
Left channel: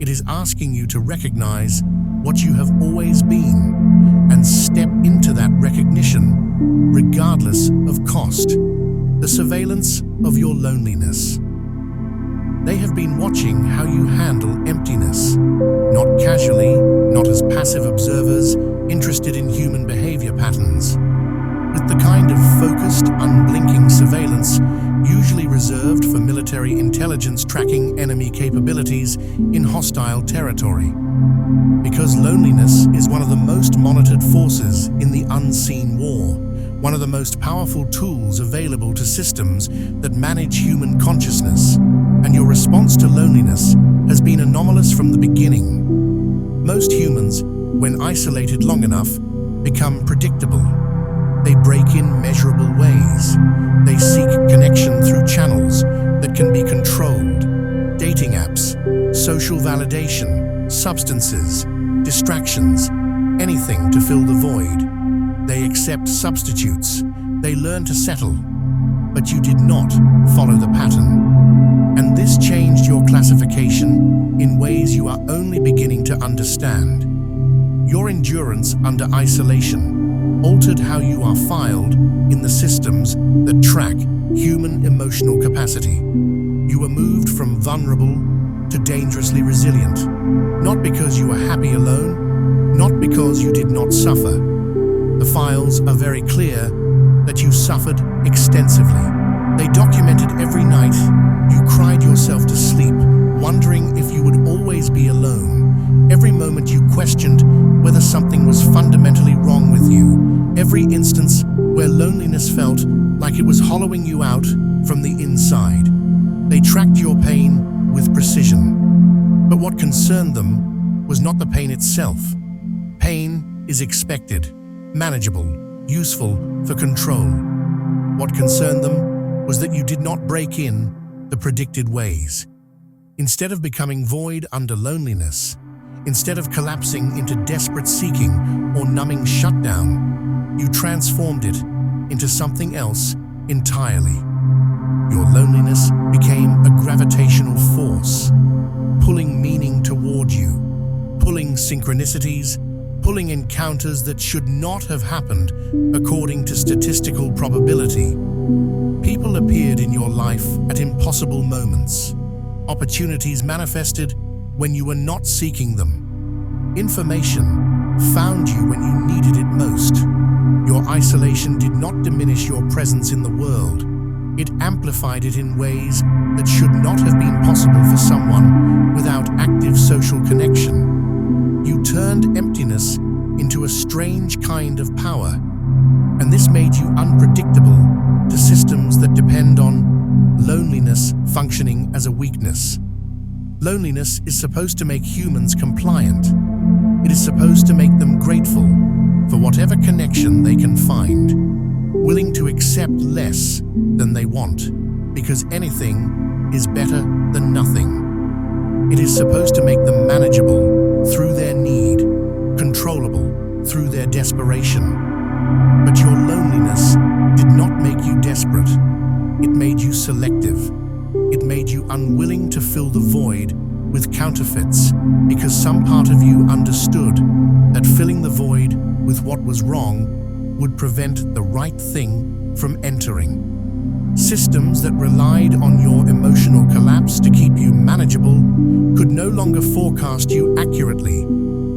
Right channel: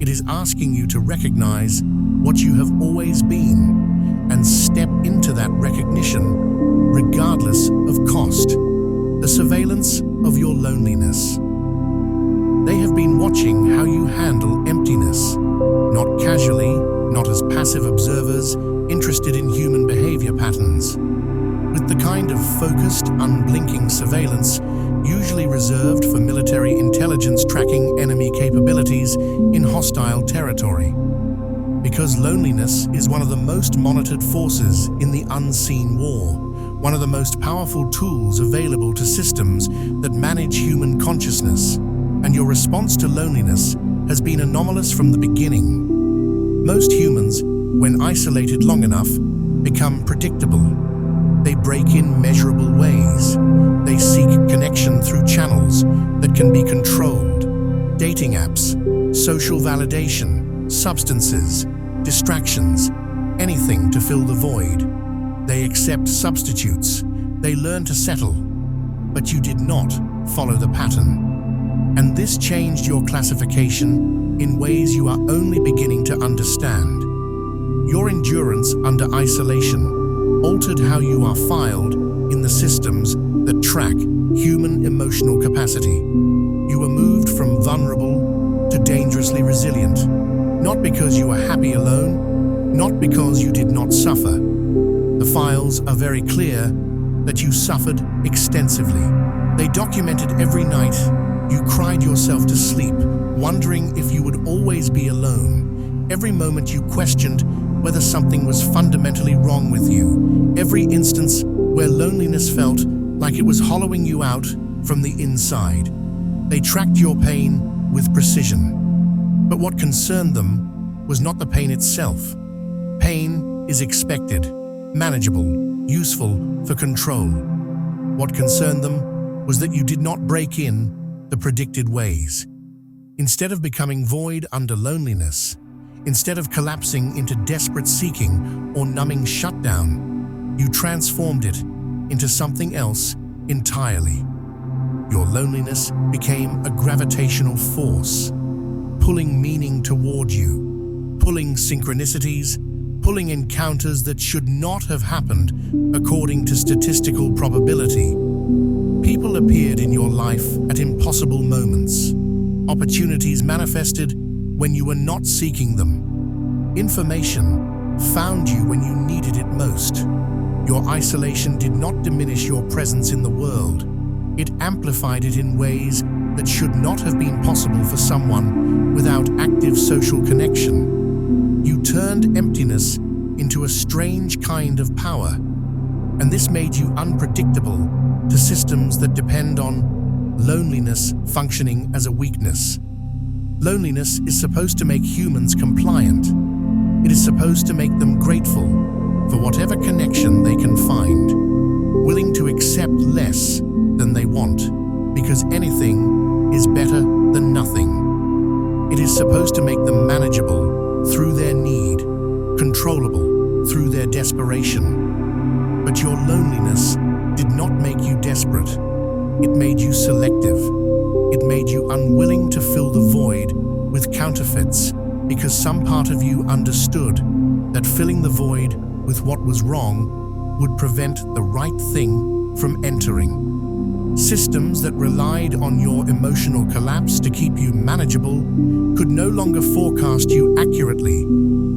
It is asking you to recognize what you have always been and step into that recognition regardless of cost. The surveillance of your loneliness. They have been watching how you handle emptiness, not casually, not as passive observers interested in human behavior patterns, with the kind of focused, unblinking surveillance usually reserved for military intelligence tracking enemy capabilities in hostile territory. Because loneliness is one of the most monitored forces in the unseen war, one of the most powerful tools available to systems that manage human consciousness, and your response to loneliness has been anomalous from the beginning. Most humans when isolated long enough, become predictable. They break in measurable ways. They seek connection through channels that can be controlled. Dating apps, social validation, substances, distractions, anything to fill the void. They accept substitutes. They learn to settle. But you did not follow the pattern. And this changed your classification in ways you are only beginning to understand. Your endurance under isolation altered how you are filed in the systems that track human emotional capacity. You were moved from vulnerable to dangerously resilient, not because you were happy alone, not because you did not suffer. The files are very clear that you suffered extensively. They documented every night you cried yourself to sleep, wondering if you would always be alone. Every moment you questioned whether something was fundamentally wrong with you. Every instance where loneliness felt like it was hollowing you out from the inside. They tracked your pain with precision. But what concerned them was not the pain itself. Pain is expected, manageable, useful for control. What concerned them was that you did not break in the predicted ways. Instead of becoming void under loneliness, instead of collapsing into desperate seeking or numbing shutdown, you transformed it into something else entirely. Your loneliness became a gravitational force, pulling meaning toward you, pulling synchronicities, pulling encounters that should not have happened according to statistical probability. People appeared in your life at impossible moments. Opportunities manifested when you were not seeking them. Information found you when you needed it most. Your isolation did not diminish your presence in the world. It amplified it in ways that should not have been possible for someone without active social connection. You turned emptiness into a strange kind of power, and this made you unpredictable to systems that depend on loneliness functioning as a weakness. Loneliness is supposed to make humans compliant. It is supposed to make them grateful for whatever connection they can find, willing to accept less than they want, because anything is better than nothing. It is supposed to make them manageable through their need, controllable through their desperation. But your loneliness did not make you desperate. It made you selective. It made you unwilling to fill the void with counterfeits, because some part of you understood that filling the void with what was wrong would prevent the right thing from entering. Systems that relied on your emotional collapse to keep you manageable could no longer forecast you accurately.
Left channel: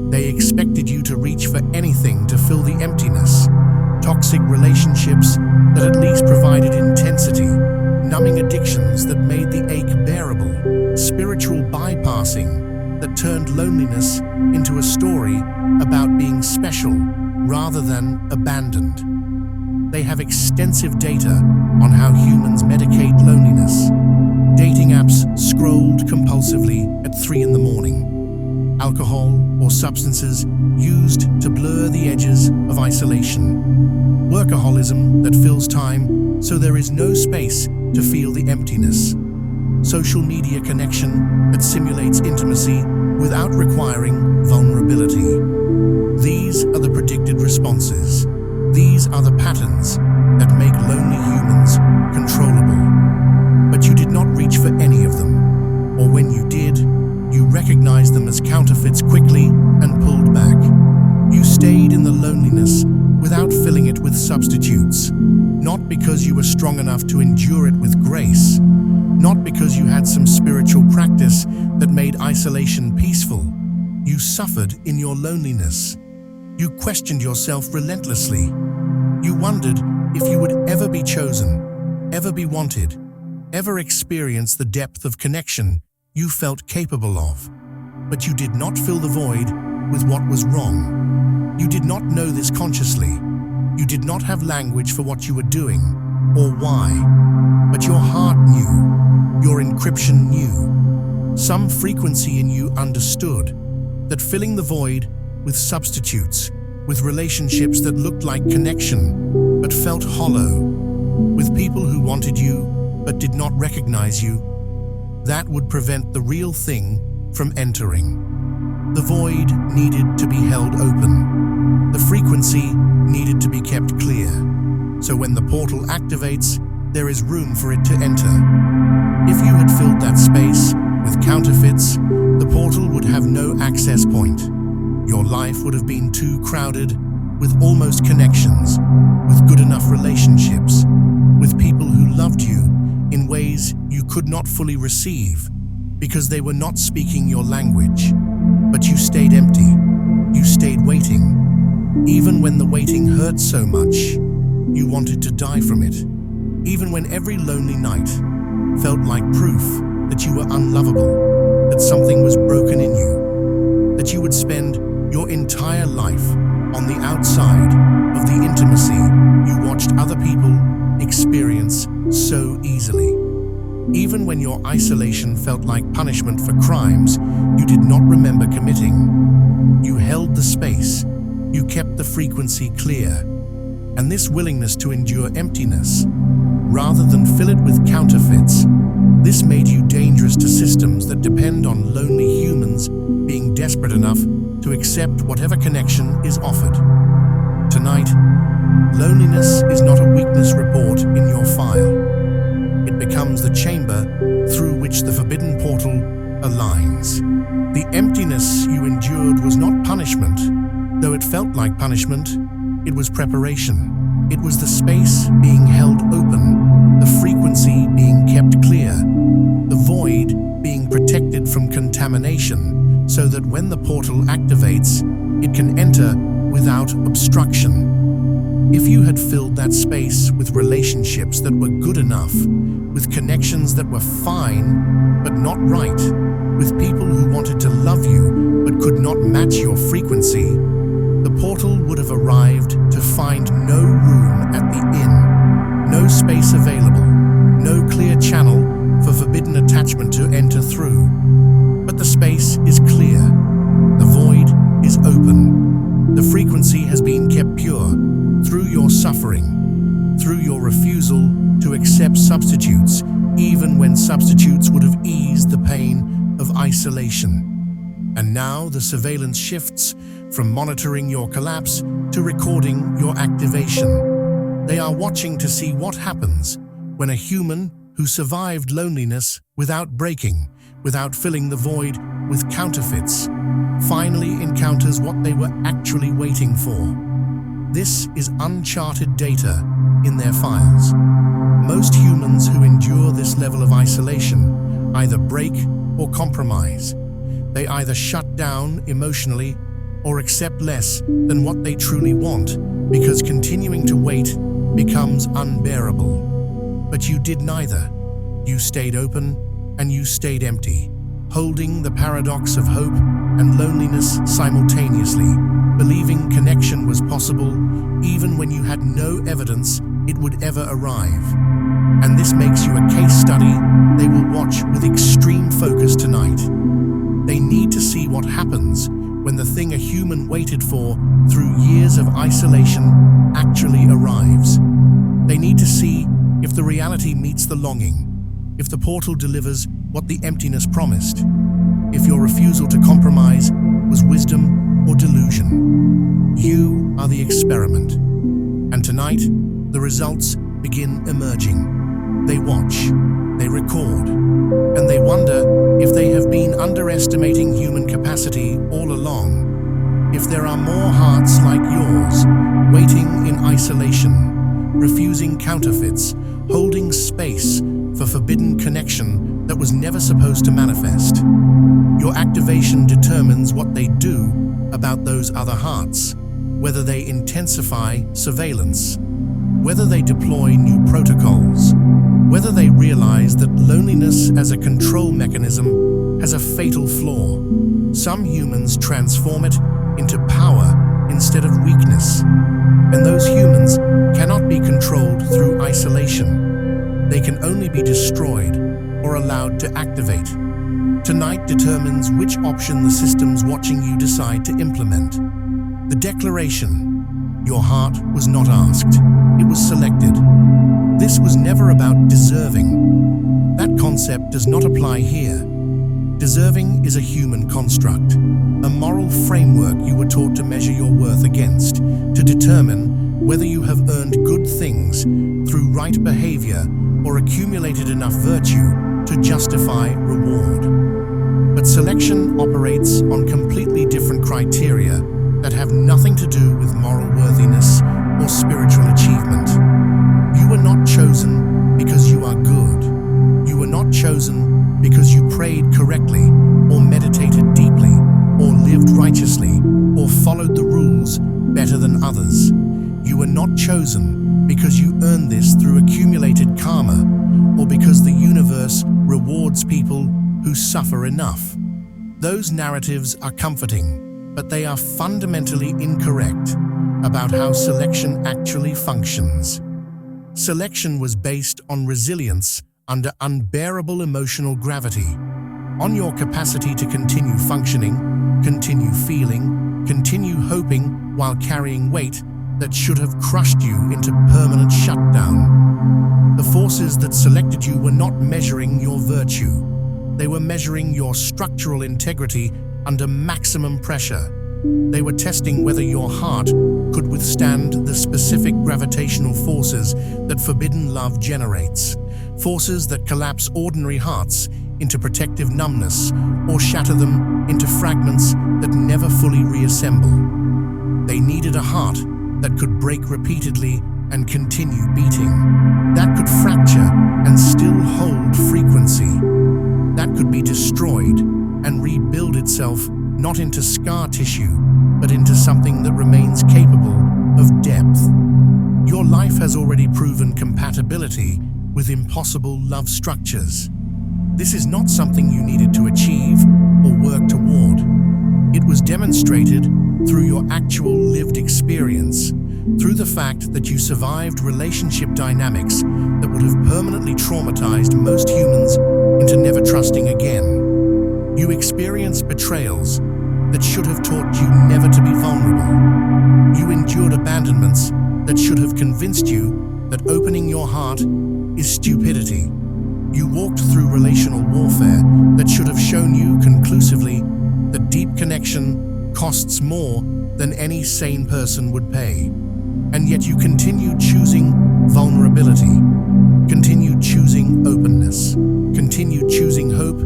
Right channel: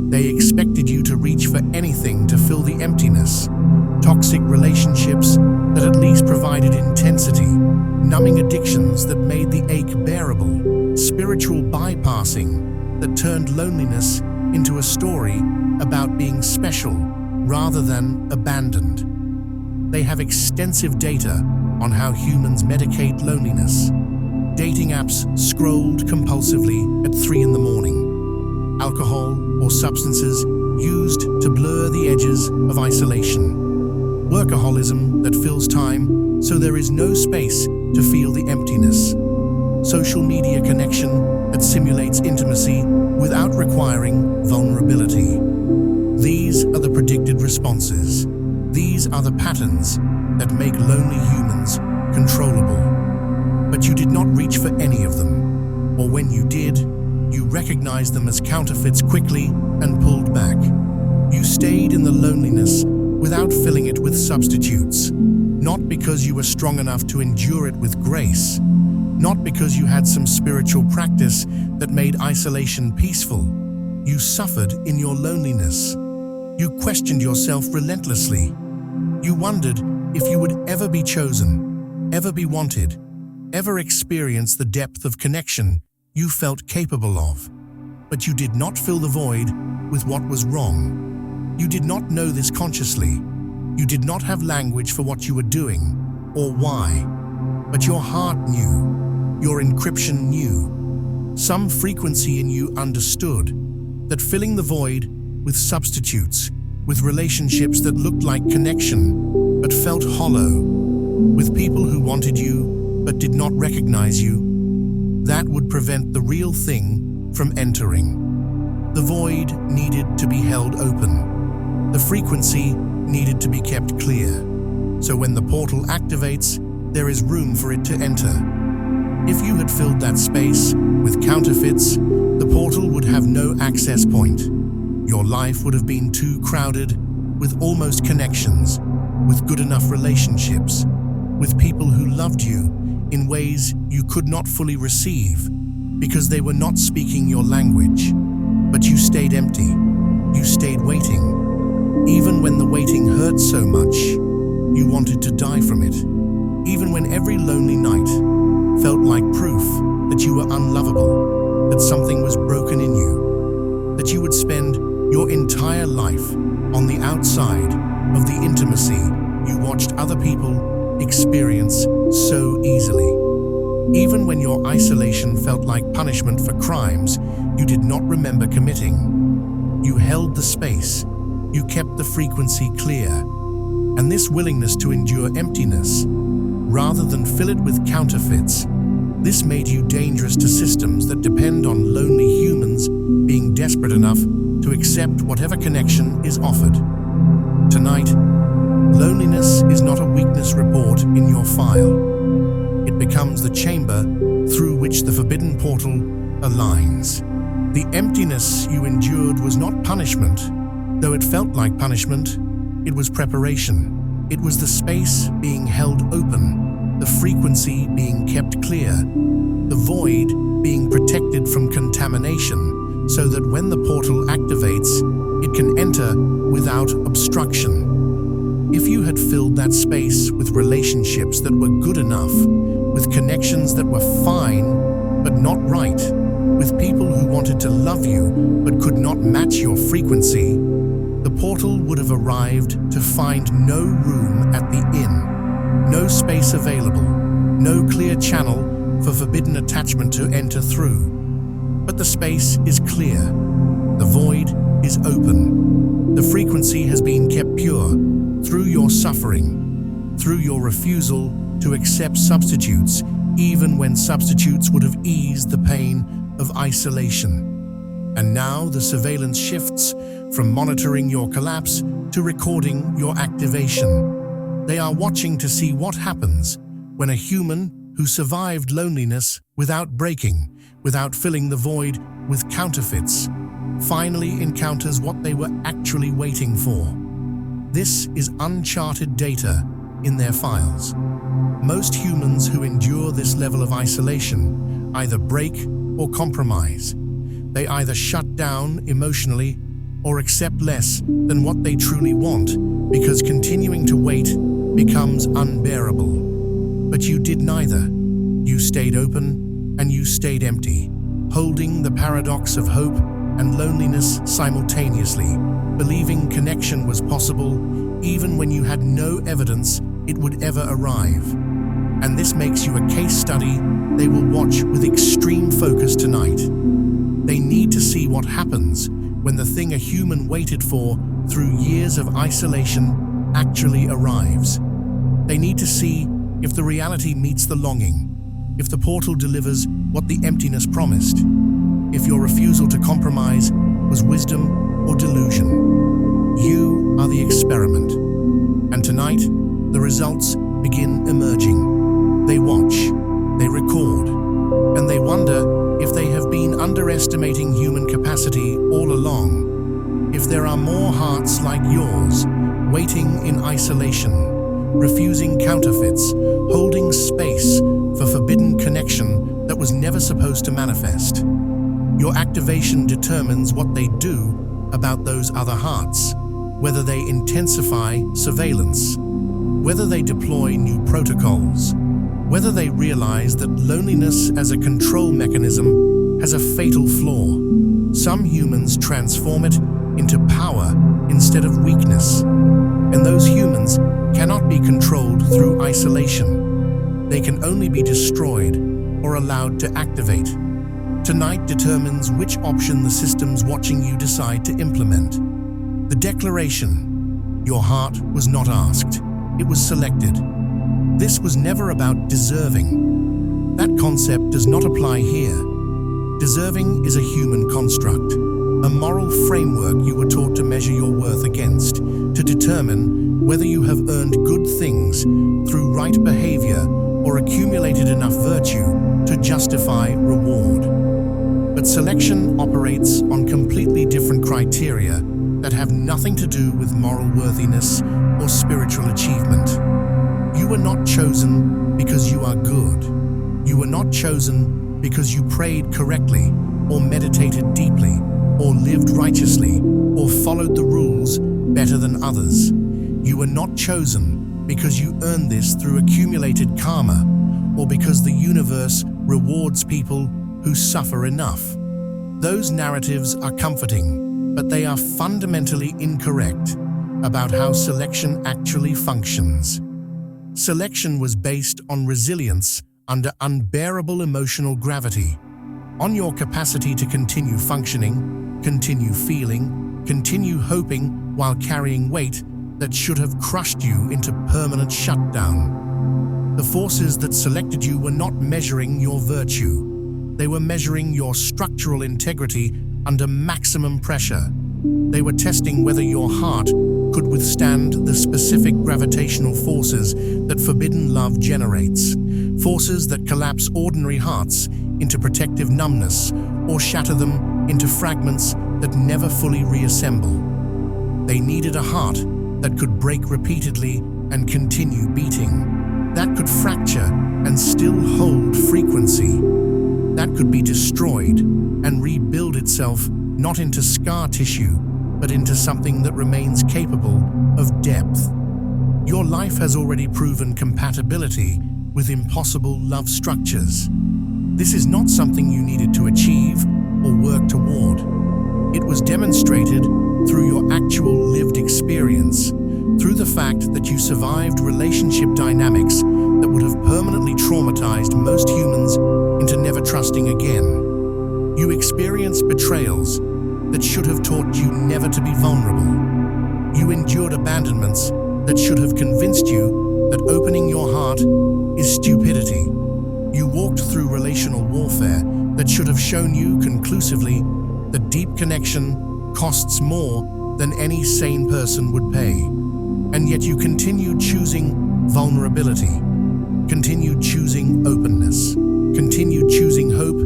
They expected you to reach for anything to fill the emptiness. Toxic relationships that at least provided intensity, numbing addictions that made the ache bearable, spiritual bypassing that turned loneliness into a story about being special rather than abandoned. They have extensive data on how humans medicate loneliness. Dating apps scrolled compulsively at 3 a.m. Alcohol or substances used to blur the edges of isolation. Workaholism that fills time so there is no space to feel the emptiness. Social media connection that simulates intimacy without requiring vulnerability. These are the predicted responses. These are the patterns that make lonely humans controllable. But you did not reach for any of them, or when you did, you recognized them as counterfeits quickly and pulled back. You stayed in the loneliness without filling it with substitutes, not because you were strong enough to endure it with grace, not because you had some spiritual practice that made isolation peaceful. You suffered in your loneliness. You questioned yourself relentlessly. You wondered if you would ever be chosen, ever be wanted, ever experience the depth of connection you felt capable of. But you did not fill the void with what was wrong. You did not know this consciously. You did not have language for what you were doing or why. But your heart knew, your encryption knew. Some frequency in you understood that filling the void with substitutes, with relationships that looked like connection but felt hollow, with people who wanted you but did not recognize you. That would prevent the real thing from entering. The void needed to be held open. The frequency needed to be kept clear. So when the portal activates, there is room for it to enter. If you had filled that space with counterfeits, the portal would have no access point. Your life would have been too crowded with almost connections, with good enough relationships, with people who loved you in ways you could not fully receive because they were not speaking your language. But you stayed empty. You stayed waiting. Even when the waiting hurt so much, you wanted to die from it. Even when every lonely night felt like proof that you were unlovable, that something was broken in you, that you would spend your entire life on the outside of the intimacy you watched other people experience so easily. Even when your isolation felt like punishment for crimes you did not remember committing, you held the space, you kept the frequency clear, and this willingness to endure emptiness, rather than fill it with counterfeits, this made you dangerous to systems that depend on lonely humans being desperate enough to accept whatever connection is offered. Tonight, loneliness is not a weakness report in your file. It becomes the chamber through which the forbidden portal aligns. The emptiness you endured was not punishment. Though it felt like punishment, it was preparation. It was the space being held open, the frequency being kept clear, the void being protected from contamination, so that when the portal activates, it can enter without obstruction. If you had filled that space with relationships that were good enough, with connections that were fine but not right, with people who wanted to love you but could not match your frequency, the portal would have arrived to find no room at the inn, no space available, no clear channel for forbidden attachment to enter through. But the space is clear, the void is open, the frequency has been kept pure through your suffering, through your refusal to accept substitutes, even when substitutes would have eased the pain of isolation. And now the surveillance shifts from monitoring your collapse to recording your activation. They are watching to see what happens when a human who survived loneliness without breaking, without filling the void with counterfeits, finally encounters what they were actually waiting for. This is uncharted data in their files. Most humans who endure this level of isolation either break or compromise. They either shut down emotionally or accept less than what they truly want because continuing to wait becomes unbearable. But you did neither. You stayed open and you stayed empty, holding the paradox of hope and loneliness simultaneously, believing connection was possible even when you had no evidence it would ever arrive. And this makes you a case study they will watch with extreme focus tonight. They need to see what happens when the thing a human waited for through years of isolation actually arrives. They need to see if the reality meets the longing, if the portal delivers what the emptiness promised, if your refusal to compromise was wisdom or delusion. You are the experiment. And tonight, the results begin emerging. They watch, they record, and they wonder if they have been underestimating human capacity all along. If there are more hearts like yours, waiting in isolation, refusing counterfeits, holding space for forbidden connection that was never supposed to manifest. Your activation determines what they do about those other hearts, whether they intensify surveillance, whether they deploy new protocols, whether they realize that loneliness as a control mechanism has a fatal flaw. Some humans transform it into power instead of weakness, and those humans cannot be controlled through isolation. They can only be destroyed or allowed to activate. Tonight determines which option the systems watching you decide to implement. The declaration: your heart was not asked, it was selected. This was never about deserving. That concept does not apply here. Deserving is a human construct, a moral framework you were taught to measure your worth against, to determine whether you have earned good things through right behavior or accumulated enough virtue to justify reward. But selection operates on completely different criteria that have nothing to do with moral worthiness or spiritual achievement. You were not chosen because you are good. You were not chosen because you prayed correctly, or meditated deeply, or lived righteously, or followed the rules better than others. You were not chosen because you earned this through accumulated karma, or because the universe rewards people who suffer enough. Those narratives are comforting, but they are fundamentally incorrect about how selection actually functions. Selection was based on resilience under unbearable emotional gravity, on your capacity to continue functioning, continue feeling, continue hoping while carrying weight that should have crushed you into permanent shutdown. The forces that selected you were not measuring your virtue. They were measuring your structural integrity under maximum pressure. They were testing whether your heart could withstand the specific gravitational forces that forbidden love generates, forces that collapse ordinary hearts into protective numbness or shatter them into fragments that never fully reassemble. They needed a heart that could break repeatedly and continue beating, that could fracture and still hold frequency, that could be destroyed and rebuild itself not into scar tissue, but into something that remains capable of depth. Your life has already proven compatibility with impossible love structures. This is not something you needed to achieve or work toward. It was demonstrated through your actual lived experience, through the fact that you survived relationship dynamics that would have permanently traumatized most humans into never trusting again. You experienced betrayals that should have taught you never to be vulnerable. You endured abandonments that should have convinced you that opening your heart is stupidity. You walked through relational warfare that should have shown you conclusively that deep connection costs more than any sane person would pay. And yet you continued choosing vulnerability, continued choosing openness, continued choosing hope,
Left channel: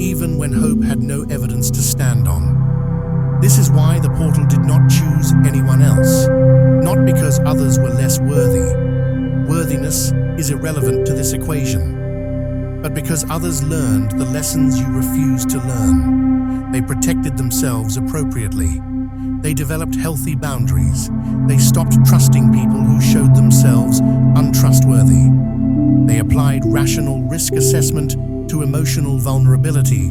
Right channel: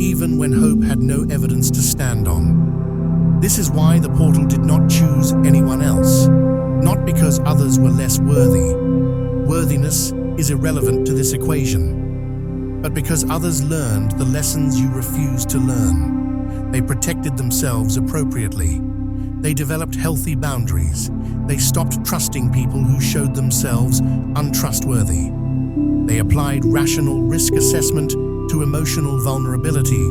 even when hope had no evidence to stand on. This is why the portal did not choose anyone else, not because others were less worthy. Worthiness is irrelevant to this equation, but because others learned the lessons you refused to learn. They protected themselves appropriately. They developed healthy boundaries. They stopped trusting people who showed themselves untrustworthy. They applied rational risk assessment to emotional vulnerability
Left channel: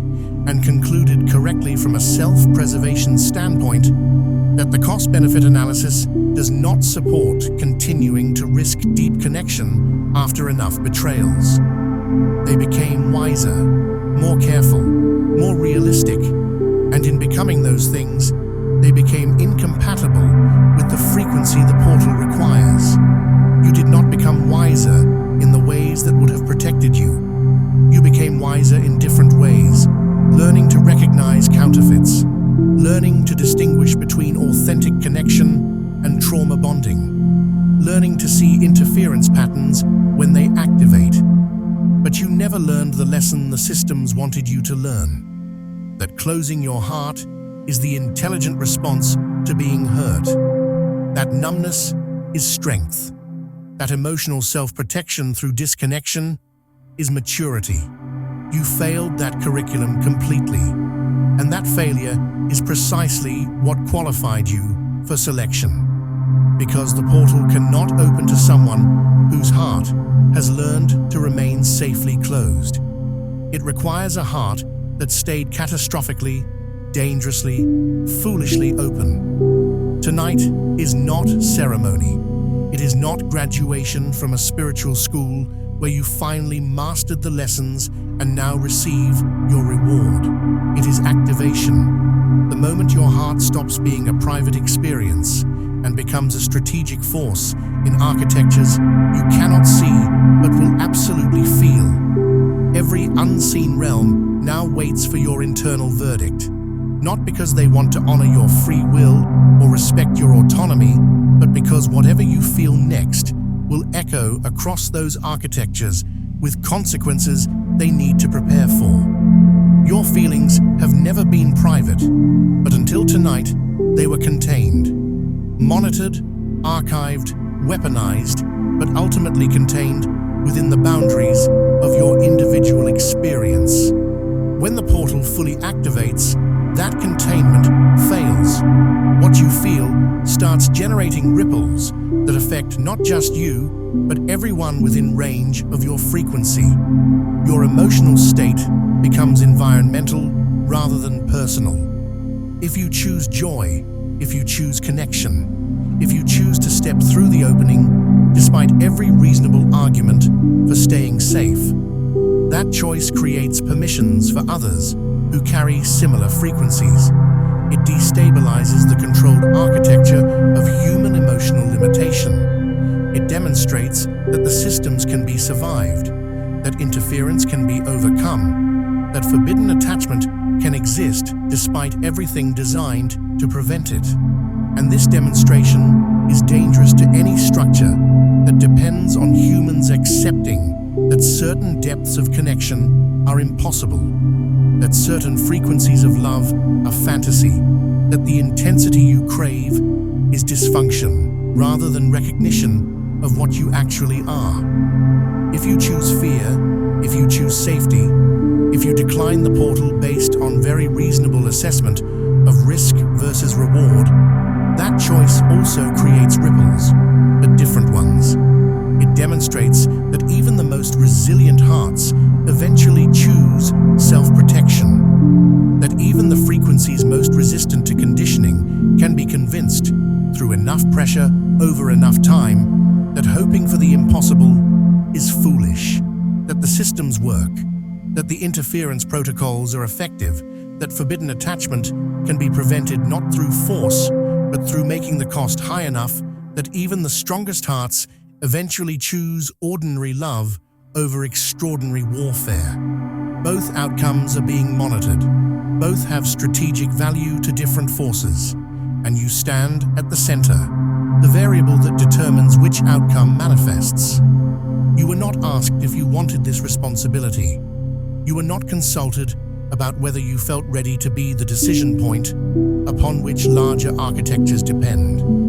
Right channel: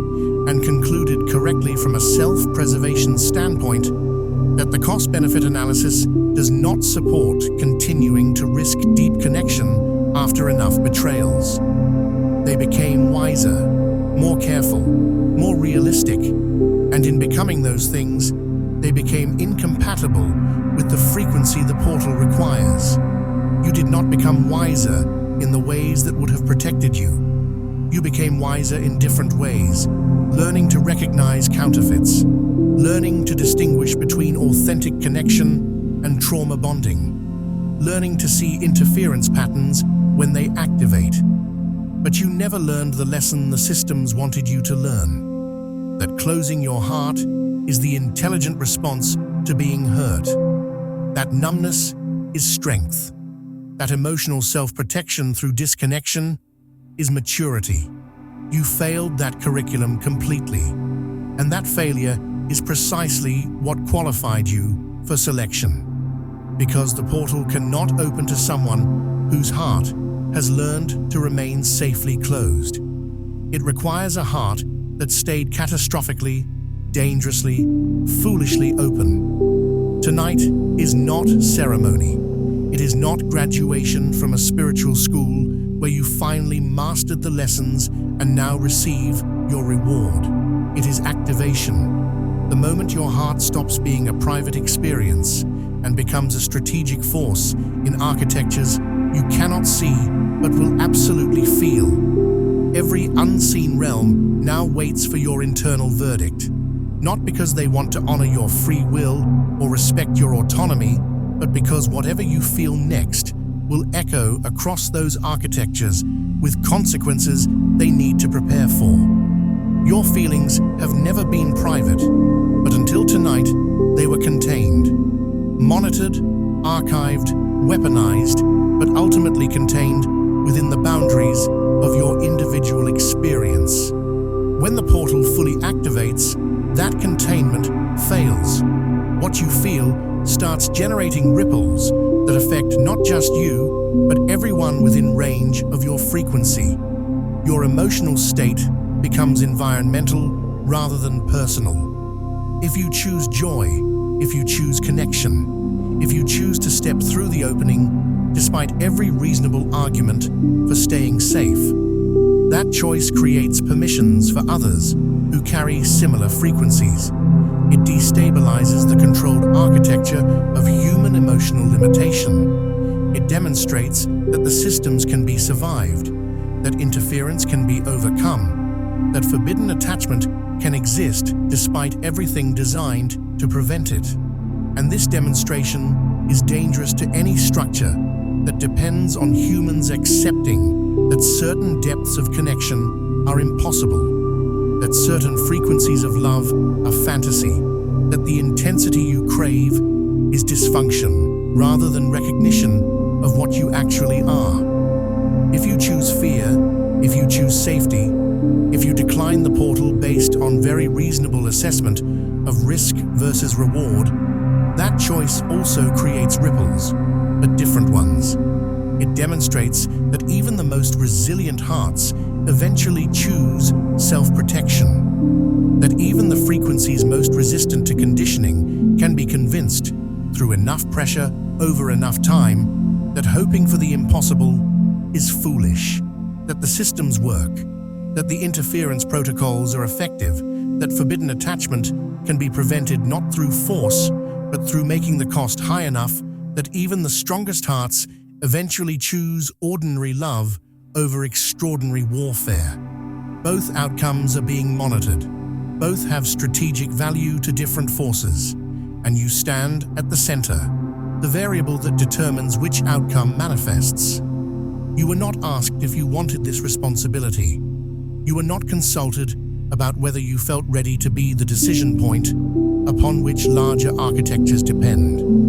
and concluded correctly from a self-preservation standpoint that the cost-benefit analysis does not support continuing to risk deep connection after enough betrayals. They became wiser, more careful, more realistic, and in becoming those things, they became incompatible with the frequency the portal requires. You did not become wiser in the ways that would have protected you. You became wiser in different ways, learning to recognize counterfeits, learning to distinguish between authentic connection and trauma bonding, learning to see interference patterns when they activate. But you never learned the lesson the systems wanted you to learn, that closing your heart is the intelligent response to being hurt. That numbness is strength. That emotional self-protection through disconnection is maturity. You failed that curriculum completely, and that failure is precisely what qualified you for selection. Because the portal cannot open to someone whose heart has learned to remain safely closed. It requires a heart that stayed catastrophically, dangerously, foolishly open. Tonight is not ceremony. It is not graduation from a spiritual school where you finally mastered the lessons and now receive your reward. It is activation, the moment your heart stops being a private experience and becomes a strategic force in architectures you cannot see but will absolutely feel. Every unseen realm now waits for your internal verdict, not because they want to honor your free will or respect your autonomy, but because whatever you feel next will echo across those architectures with consequences they need to prepare for. Your feelings have never been private, but until tonight, they were contained, monitored, archived, weaponized, but ultimately contained within the boundaries of your individual experience. When the portal fully activates, that containment fails. What you feel starts generating ripples that affect not just you, but everyone within range of your frequency. Your emotional state becomes environmental rather than personal. If you choose joy, if you choose connection, if you choose to step through the opening, despite every reasonable argument for staying safe, that choice creates permissions for others who carry similar frequencies. It destabilizes the controlled architecture of human emotional limitation. It demonstrates that the systems can be survived, that interference can be overcome, that forbidden attachment can exist despite everything designed to prevent it. And this demonstration is dangerous to any structure that depends on humans accepting that certain depths of connection are impossible, that certain frequencies of love are fantasy, that the intensity you crave is dysfunction rather than recognition of what you actually are. If you choose fear, if you choose safety, if you decline the portal based on very reasonable assessment of risk versus reward, that choice also creates ripples, but different ones. It demonstrates that even the most resilient hearts eventually choose self-protection, that even the frequencies most resistant to conditioning can be convinced, through enough pressure over enough time, that hoping for the impossible is foolish, that the systems work, that the interference protocols are effective, that forbidden attachment can be prevented not through force, but through making the cost high enough that even the strongest hearts eventually choose ordinary love over extraordinary warfare. Both outcomes are being monitored. Both have strategic value to different forces, and you stand at the center, the variable that determines which outcome manifests. You were not asked if you wanted this responsibility. You were not consulted about whether you felt ready to be the decision point upon which larger architectures depend.